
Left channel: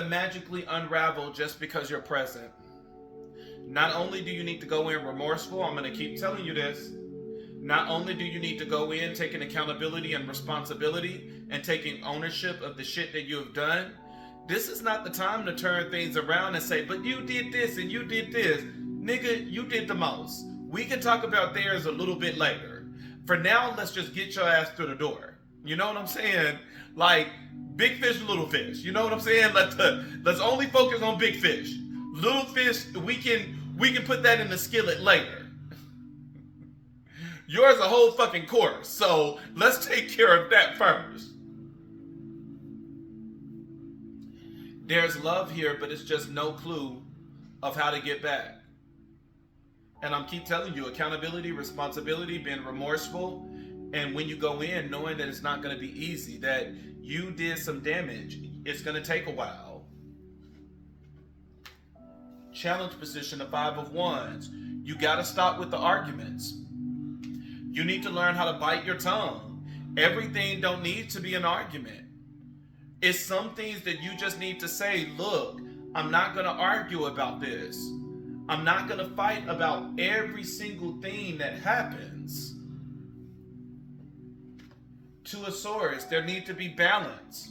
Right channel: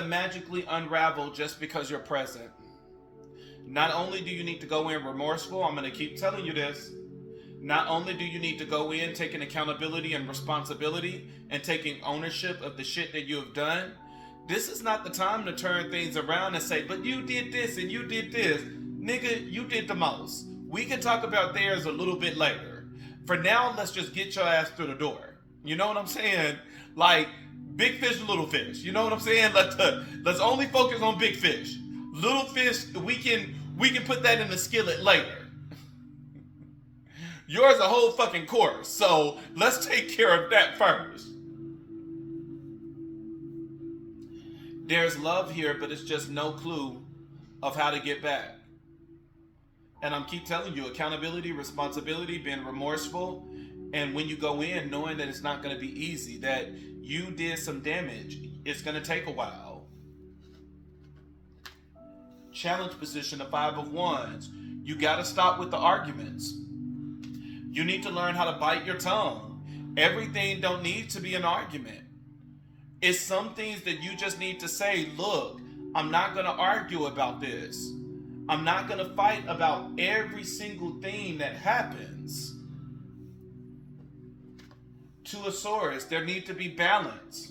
magically unravel just because you're present. Not only do you need to go in remorseful, I'm going to keep telling you this. Not only do you need to go in taking accountability and responsibility and taking ownership of the shit that you have done, this is not the time to turn things around and say, but you did this and you did this. Nigga, you did the most. We can talk about theirs a little bit later. For now, let's just get your ass through the door. You know what I'm saying? Like, big fish, little fish. You know what I'm saying? Let's only focus on big fish. Little fish, we can put that in the skillet later. Yours a whole fucking course, so let's take care of that first. There's love here, but it's just no clue of how to get back. And I'm keep telling you, accountability, responsibility, being remorseful, and when you go in, knowing that it's not going to be easy, that you did some damage, it's going to take a while. Challenge position, the Five of Wands. You got to stop with the arguments. You need to learn how to bite your tongue. Everything don't need to be an argument. It's some things that you just need to say, look, I'm not going to argue about this. I'm not going to fight about every single thing that happens. Two of Swords, there need to be balance.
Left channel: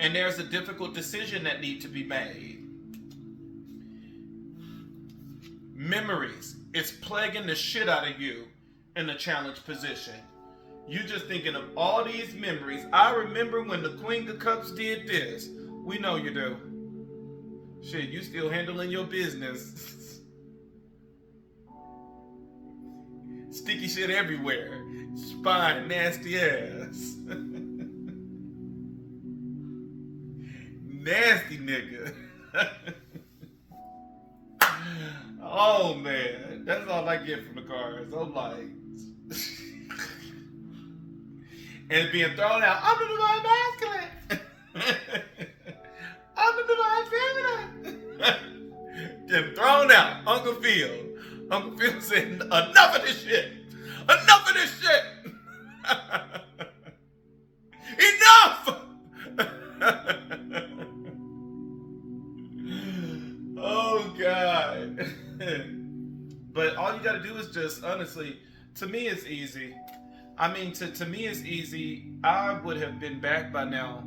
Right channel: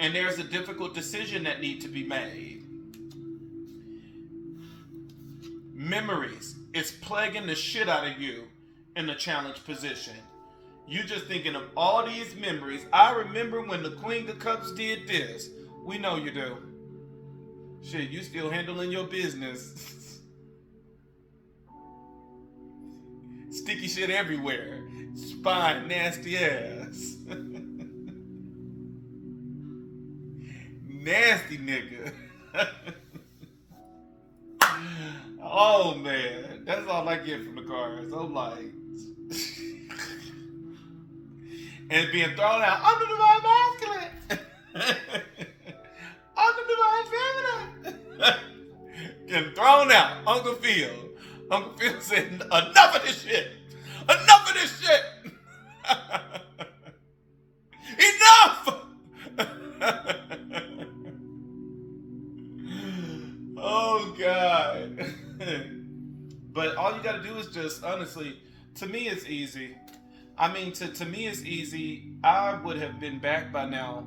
And there's a difficult decision that need to be made. Memories, it's plaguing the shit out of you in the challenge position. You just thinking of all these memories. I remember when the Queen of Cups did this. We know you do. Shit, you still handling your business. Sticky shit everywhere. Spine, nasty ass. Nasty nigga. Oh man, that's all I get from the cards. I'm like, and being thrown out. I'm the divine masculine. I'm the divine feminine. Getting thrown out. Uncle Phil said, enough of this shit. Enough of this shit. Enough. Oh God. But all you gotta do is just, honestly, to me it's easy. I mean, to me it's easy. I would have been back by now.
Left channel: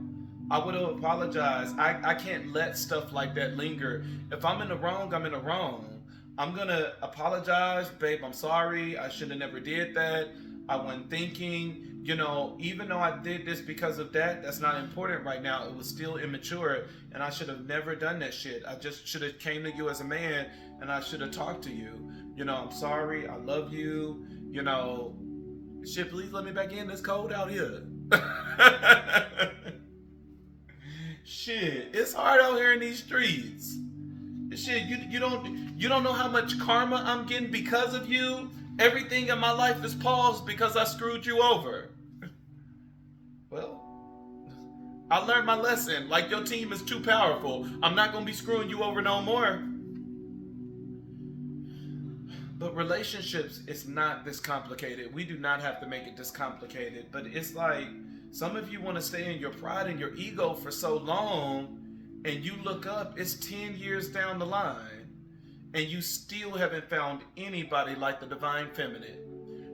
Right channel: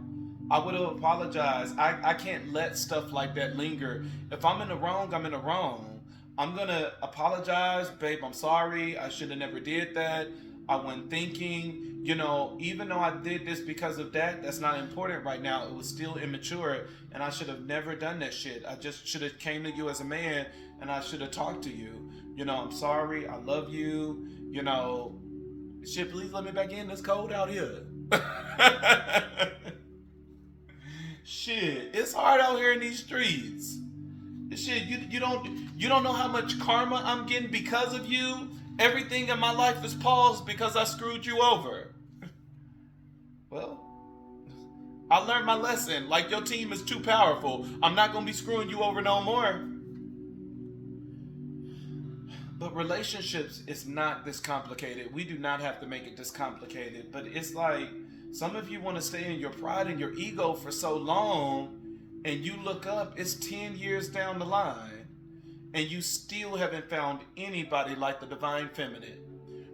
I would have apologized. I can't let stuff like that linger. If I'm in the wrong, I'm in the wrong. I'm gonna apologize, babe, I'm sorry. I should have never did that. I wasn't thinking. You know, even though I did this because of that, that's not important right now. It was still immature, and I should have never done that shit. I just should have came to you as a man, and I should have talked to you. You know, I'm sorry. I love you. You know, shit, please let me back in. It's cold out here. Shit, it's hard out here in these streets. Shit, you don't know how much karma I'm getting because of you. Everything in my life is paused because I screwed you over. Well, I learned my lesson. Like, your team is too powerful. I'm not gonna be screwing you over no more. But relationships is not this complicated. We do not have to make it this complicated. But it's like some of you want to stay in your pride and your ego for so long, and you look up, it's 10 years down the line, and you still haven't found anybody like the divine feminine.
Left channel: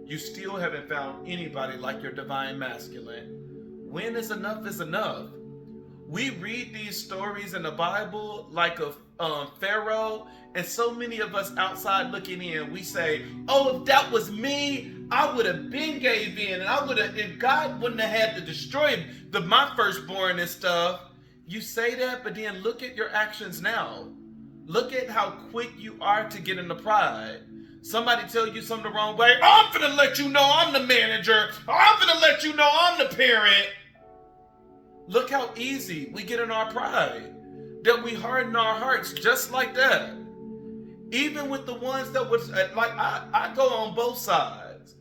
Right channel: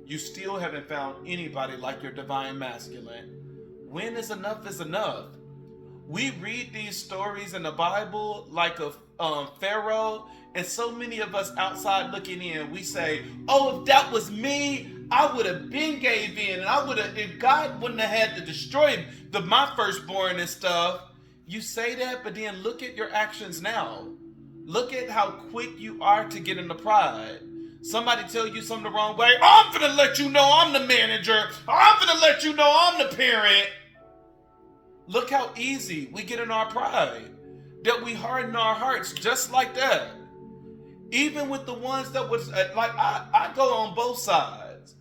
You still haven't found anybody like your divine masculine. When is enough is enough? We read these stories in the Bible like a Pharaoh, and so many of us outside looking in, we say, oh, if that was me, I would have been gave in, and I would have, if God wouldn't have had to destroy my firstborn and stuff. You say that, but then look at your actions now. Look at how quick you are to get into pride. Somebody tell you something the wrong way, oh, I'm finna let you know I'm the manager, or I'm finna let you know I'm the parent. Look how easy we get in our pride, that we harden our hearts just like that. Even with the ones that was, like, I go on both sides.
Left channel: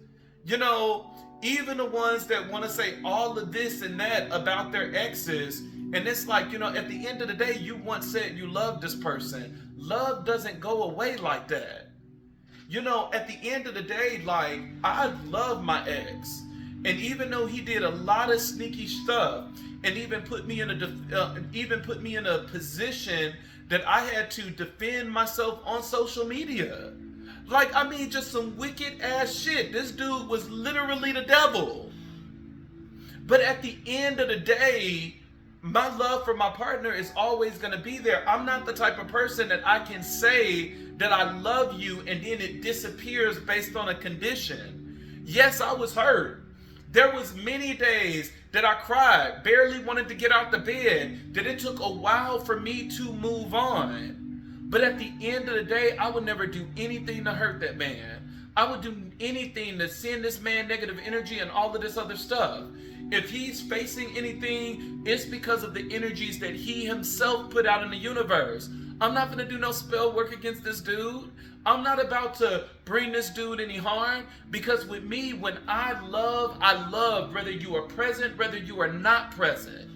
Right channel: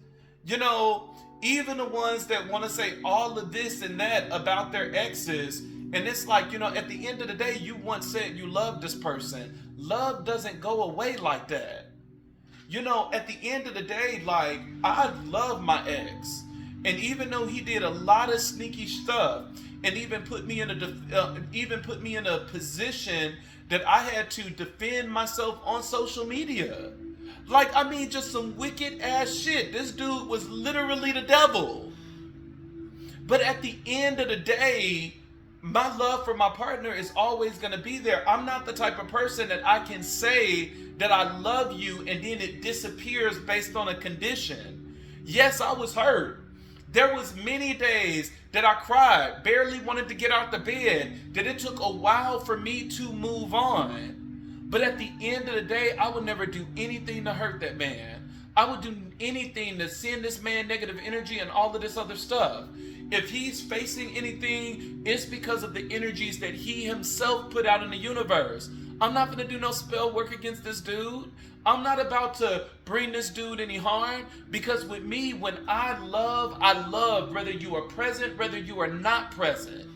You know, even the ones that want to say all of this and that about their exes, and it's like, you know, at the end of the day, you once said you love this person. Love doesn't go away like that. You know, at the end of the day, like, I love my ex. And even though he did a lot of sneaky stuff, and even put me in a position that I had to defend myself on social media. Like, I mean, just some wicked ass shit. This dude was literally the devil. But at the end of the day, my love for my partner is always going to be there. I'm not the type of person that I can say that I love you and then it disappears based on a condition. Yes, I was hurt. There was many days that I cried, barely wanted to get out the bed, that it took a while for me to move on. But at the end of the day, I would never do anything to hurt that man. I would do anything to send this man negative energy and all of this other stuff. If he's facing anything, it's because of the energies that he himself put out in the universe. I'm not going to do no spell work against this dude. I'm not about to bring this dude any harm, because with me, when I love, whether you are present, whether you are not present.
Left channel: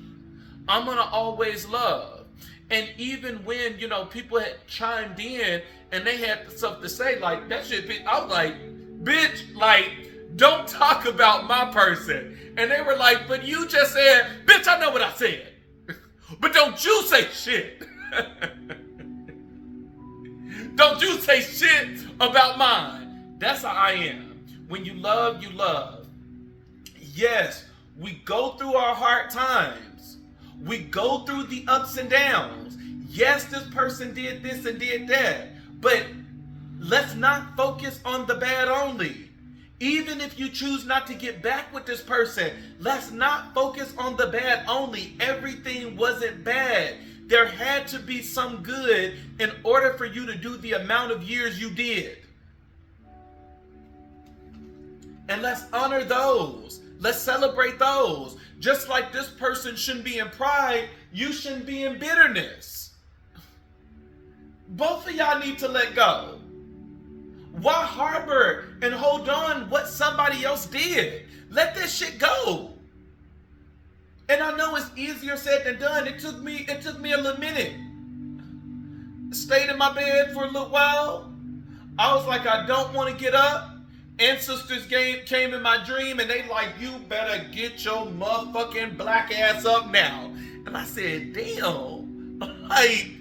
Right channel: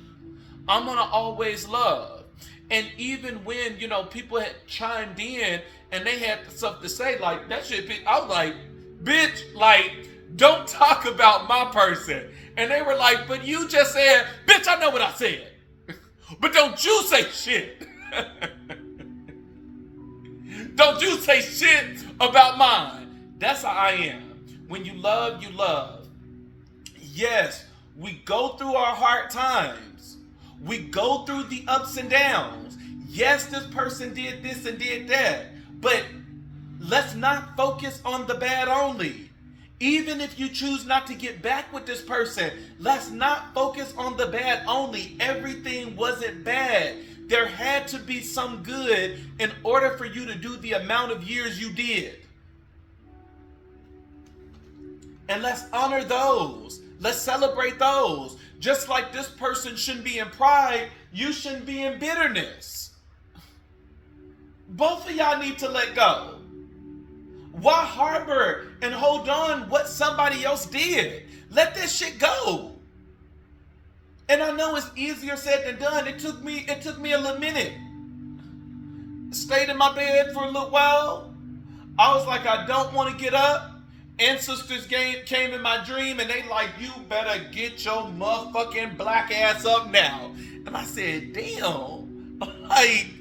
I'm going to always love. And even when, you know, people had chimed in and they had stuff to say, like, that shit, I was like, bitch, like, don't talk about my person. And they were like, but you just said, bitch, I know what I said. But don't you say shit. Don't you say shit about mine. That's how I am. When you love, you love. Yes, we go through our hard times. We go through the ups and downs. Yes, this person did this and did that. But let's not focus on the bad only. Even if you choose not to get back with this person, let's not focus on the bad only. Everything wasn't bad. There had to be some good in order for you to do the amount of years you did. And let's honor those. Let's celebrate those. Just like this person shouldn't be in pride, you shouldn't be in bitterness. Both of y'all need to let go. Why harbor and hold on what somebody else did? Let that shit go. And I know it's easier said than done. It took me a little minute. Stayed in my bed for a little while. I was like, I don't want to get up. Ancestors came in my dream and they like, you better get your motherfucking black ass up now. And I said, damn, like,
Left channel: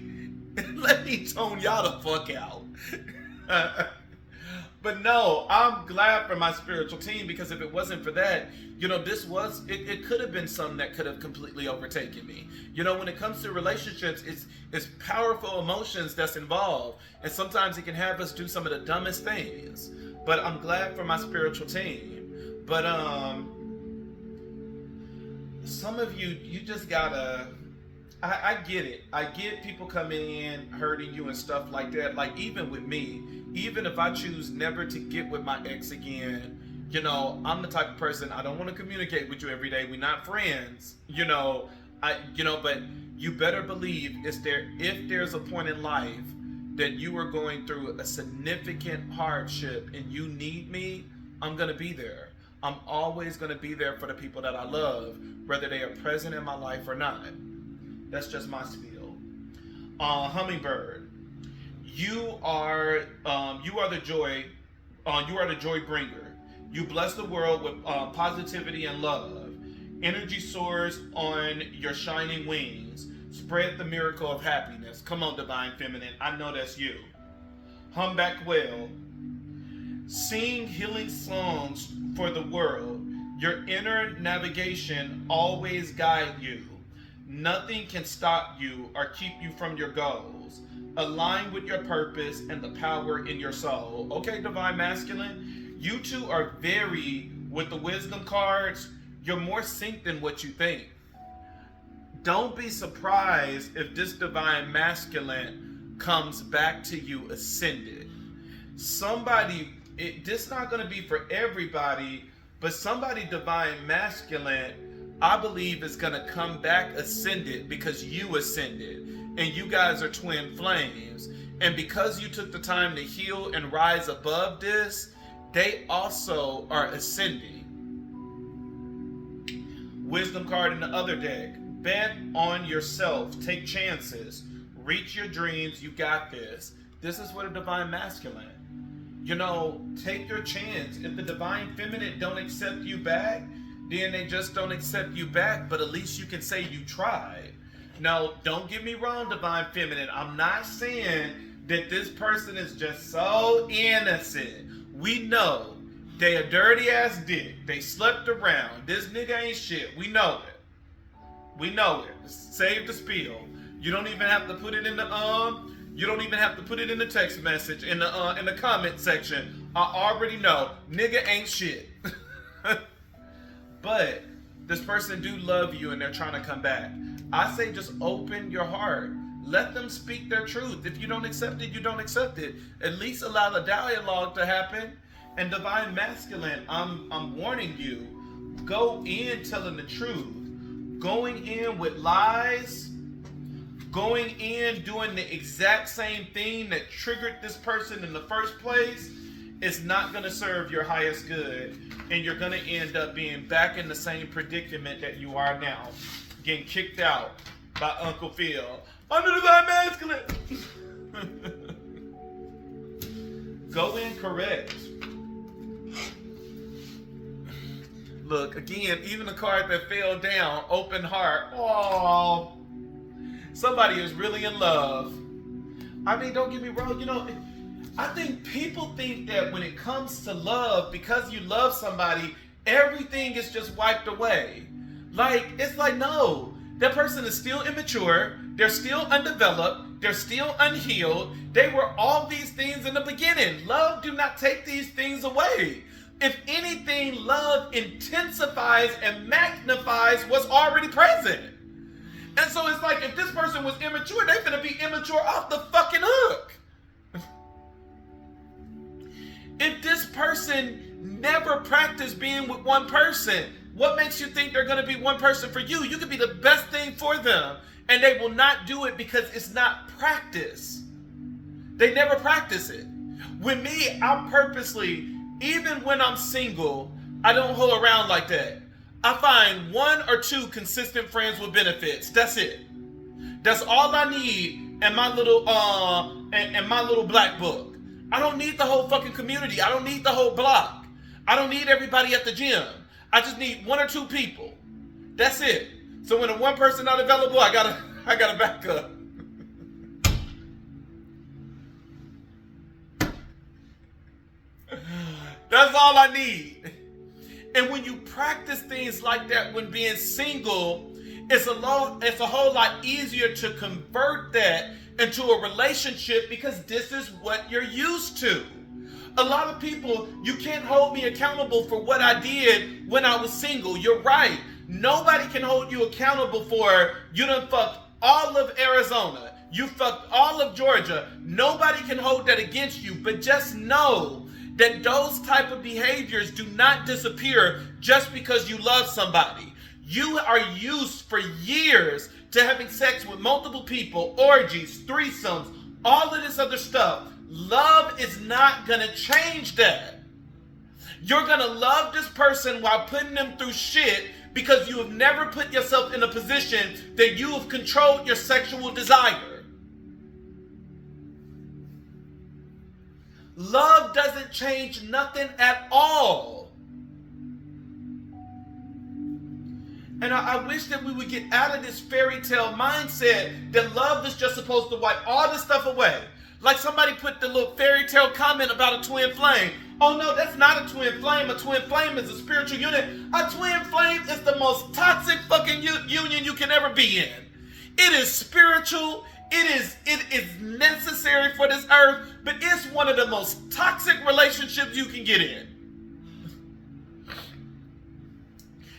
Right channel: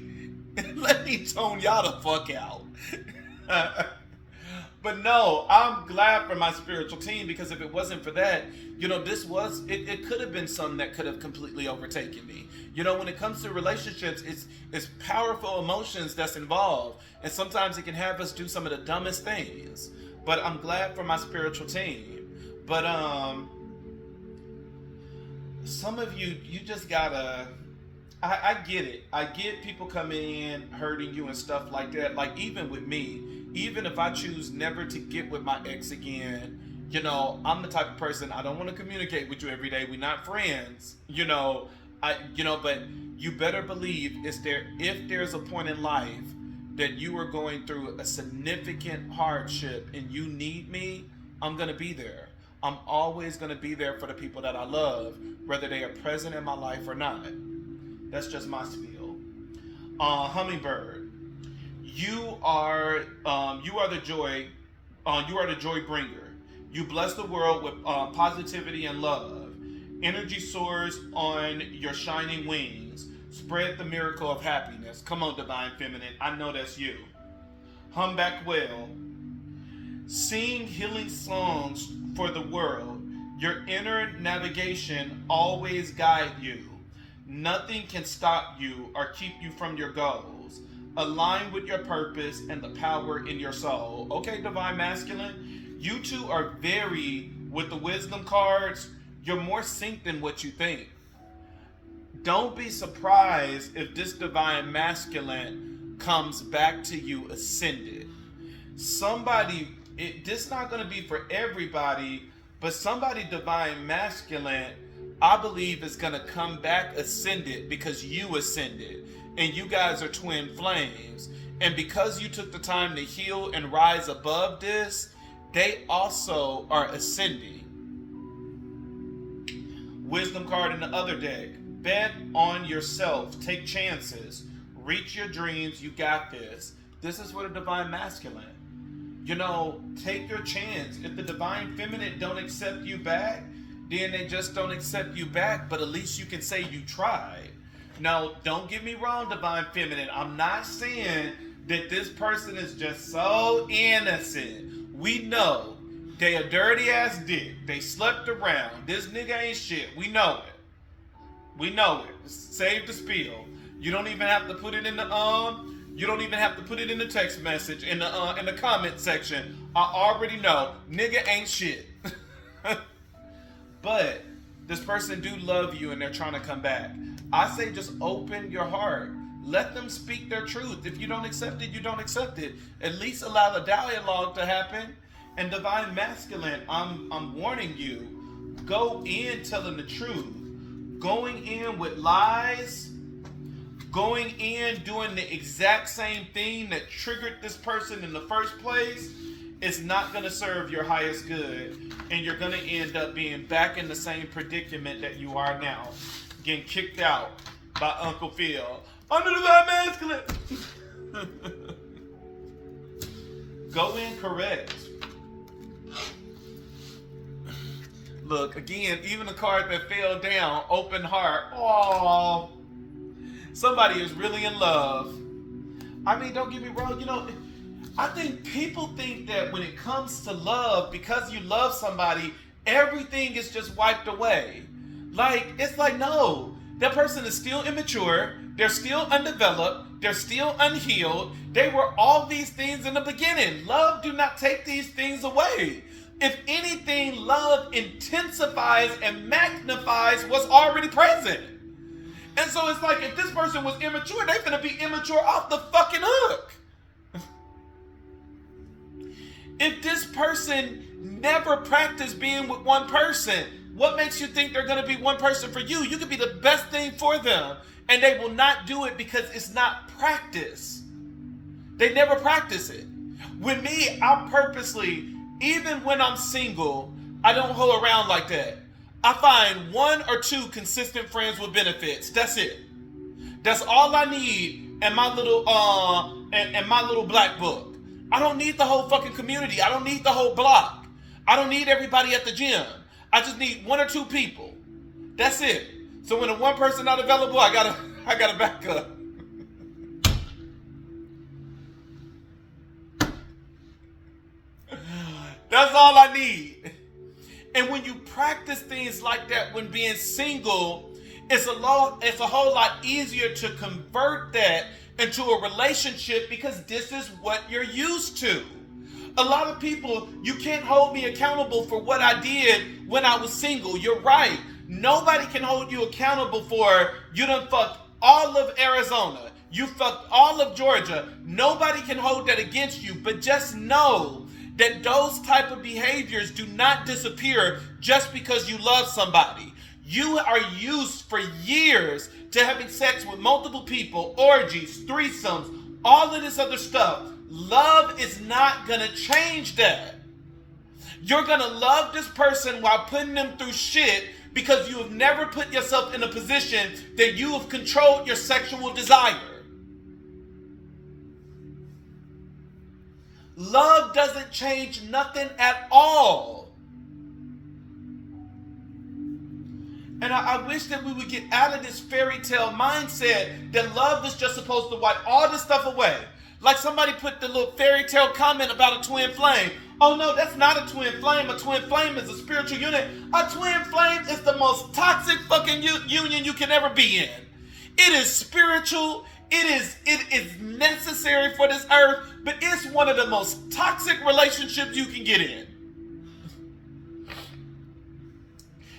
let me tone y'all the fuck out. But no, I'm glad for my spiritual team, because if it wasn't for that, you know, it could have been something that could have completely overtaken me. You know, when it comes to relationships, it's powerful emotions that's involved. And sometimes it can have us do some of the dumbest things. But I'm glad for my spiritual team. But some of you just gotta, I get it. I get people coming in, hurting you and stuff like that. Like, even with me, even if I choose never to get with my ex again, you know, I'm the type of person, I don't want to communicate with you every day. We're not friends, but you better believe if there's a point in life that you are going through a significant hardship and you need me, I'm going to be there. I'm always going to be there for the people that I love, whether they are present in my life or not. That's just my spiel. Hummingbird, you are the joy You are the joy bringer. You bless the world with positivity and love. Energy soars on your shining wings. Spread the miracle of happiness. Come on, divine feminine. I know that's you. Hum back well. Sing healing songs for the world. Your inner navigation always guide you. Nothing can stop you or keep you from your goals. Align with your purpose and the power in your soul. Okay, divine masculine, you two are very, with the wisdom cards, you're more synced than what you think. Don't be surprised if this divine masculine comes back to you ascended. Somebody, this not going to be for everybody, but somebody divine masculine, I believe, is going to come back ascended because you ascended. And you guys are twin flames. And because you took the time to heal and rise above this, they also are ascending. Wisdom card in the other deck. Bet on yourself. Take chances. Reach your dreams. You got this. This is what a divine masculine. You know, take your chance. If the divine feminine don't accept you back, then they just don't accept you back. But at least you can say you tried. Now, don't get me wrong, divine feminine. I'm not saying that this person is just so innocent. We know they a dirty ass dick. They slept around. This nigga ain't shit. We know it. We know it. Save the spiel. You don't even have to put it in the you don't even have to put it in the text message in the comment section. I already know nigga ain't shit. But this person do love you and they're trying to come back. I say just open your heart. Let them speak their truth. If you don't accept it, you don't accept it. At least allow the dialogue to happen. And divine masculine, I'm warning you, go in telling the truth. Going in with lies, going in doing the exact same thing that triggered this person in the first place is not going to serve your highest good. And you're going to end up being back in the same predicament that you are now. Getting kicked out by Uncle Phil. I'm the divine masculine. Go in correct. Look, again, even the card that fell down, open heart. Oh, somebody is really in love. I mean, don't get me wrong. You know, I think people think that when it comes to love, because you love somebody, everything is just wiped away. Like, it's like, no, that person is still immature. They're still undeveloped. They're still unhealed. They were all these things in the beginning. Love do not take these things away. If anything, love intensifies and magnifies what's already present. And so it's like, if this person was immature, they're going to be immature off the fucking hook. If this person never practiced being with one person, what makes you think they're going to be one person for you? You could be the best thing for them, and they will not do it because it's not practice. They never practice it. With me, I purposely, even when I'm single, I don't hold around like that. I find one or two consistent friends with benefits. That's it. That's all I need in my little black book. I don't need the whole fucking community. I don't need the whole block. I don't need everybody at the gym. I just need one or two people. That's it. So when the one person not available, I gotta back up. That's all I need. And when you practice things like that when being single, it's a whole lot easier to convert that into a relationship because this is what you're used to. A lot of people, you can't hold me accountable for what I did when I was single. You're right. Nobody can hold you accountable for you done fucked all of Arizona. You fucked all of Georgia. Nobody can hold that against you. But just know that those type of behaviors do not disappear just because you love somebody. You are used for years to having sex with multiple people, orgies, threesomes, all of this other stuff. Love is not going to change that. You're going to love this person while putting them through shit because you have never put yourself in a position that you have controlled your sexual desire. Love doesn't change nothing at all. And I wish that we would get out of this fairy tale mindset that love is just supposed to wipe all this stuff away. Like somebody put the little fairy tale comment about a twin flame. Oh no, that's not a twin flame. A twin flame is a spiritual unit. A twin flame is the most toxic fucking union you can ever be in. It is spiritual. It is necessary for this earth, but it's one of the most toxic relationships you can get in.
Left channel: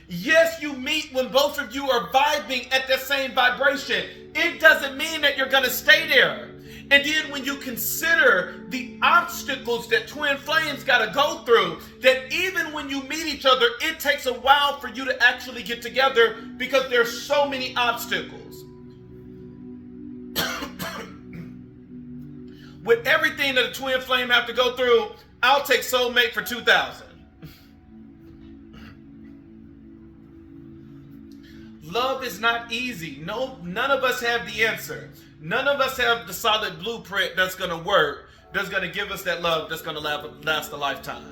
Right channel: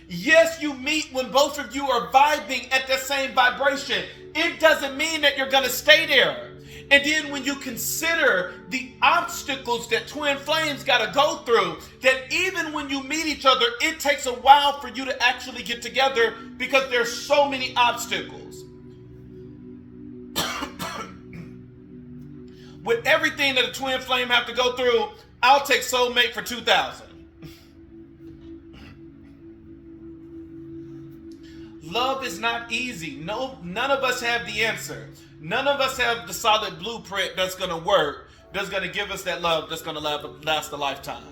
Yes, you meet when both of you are vibing at the same vibration. It doesn't mean that you're going to stay there. And then when you consider the obstacles that twin flames got to go through, that even when you meet each other, it takes a while for you to actually get together because there's so many obstacles. With everything that a twin flame have to go through, I'll take soulmate for 2,000. Love is not easy. No, none of us have the answer. None of us have the solid blueprint that's going to work, that's going to give us that love that's going to last a lifetime.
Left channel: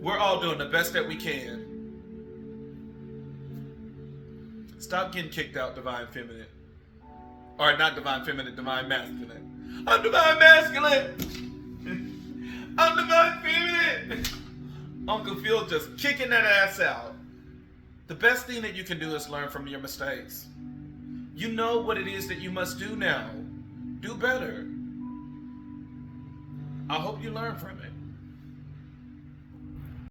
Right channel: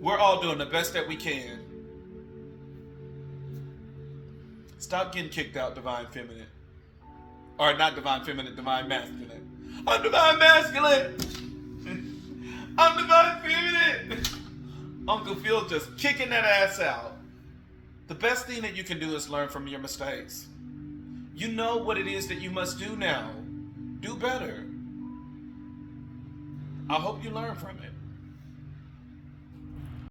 We're all doing the best that we can. Stop getting kicked out, divine feminine. Or not divine feminine, divine masculine. I'm divine masculine. I'm divine feminine. Uncle Phil just kicking that ass out. The best thing that you can do is learn from your mistakes. You know what it is that you must do now. Do better. I hope you learn from it.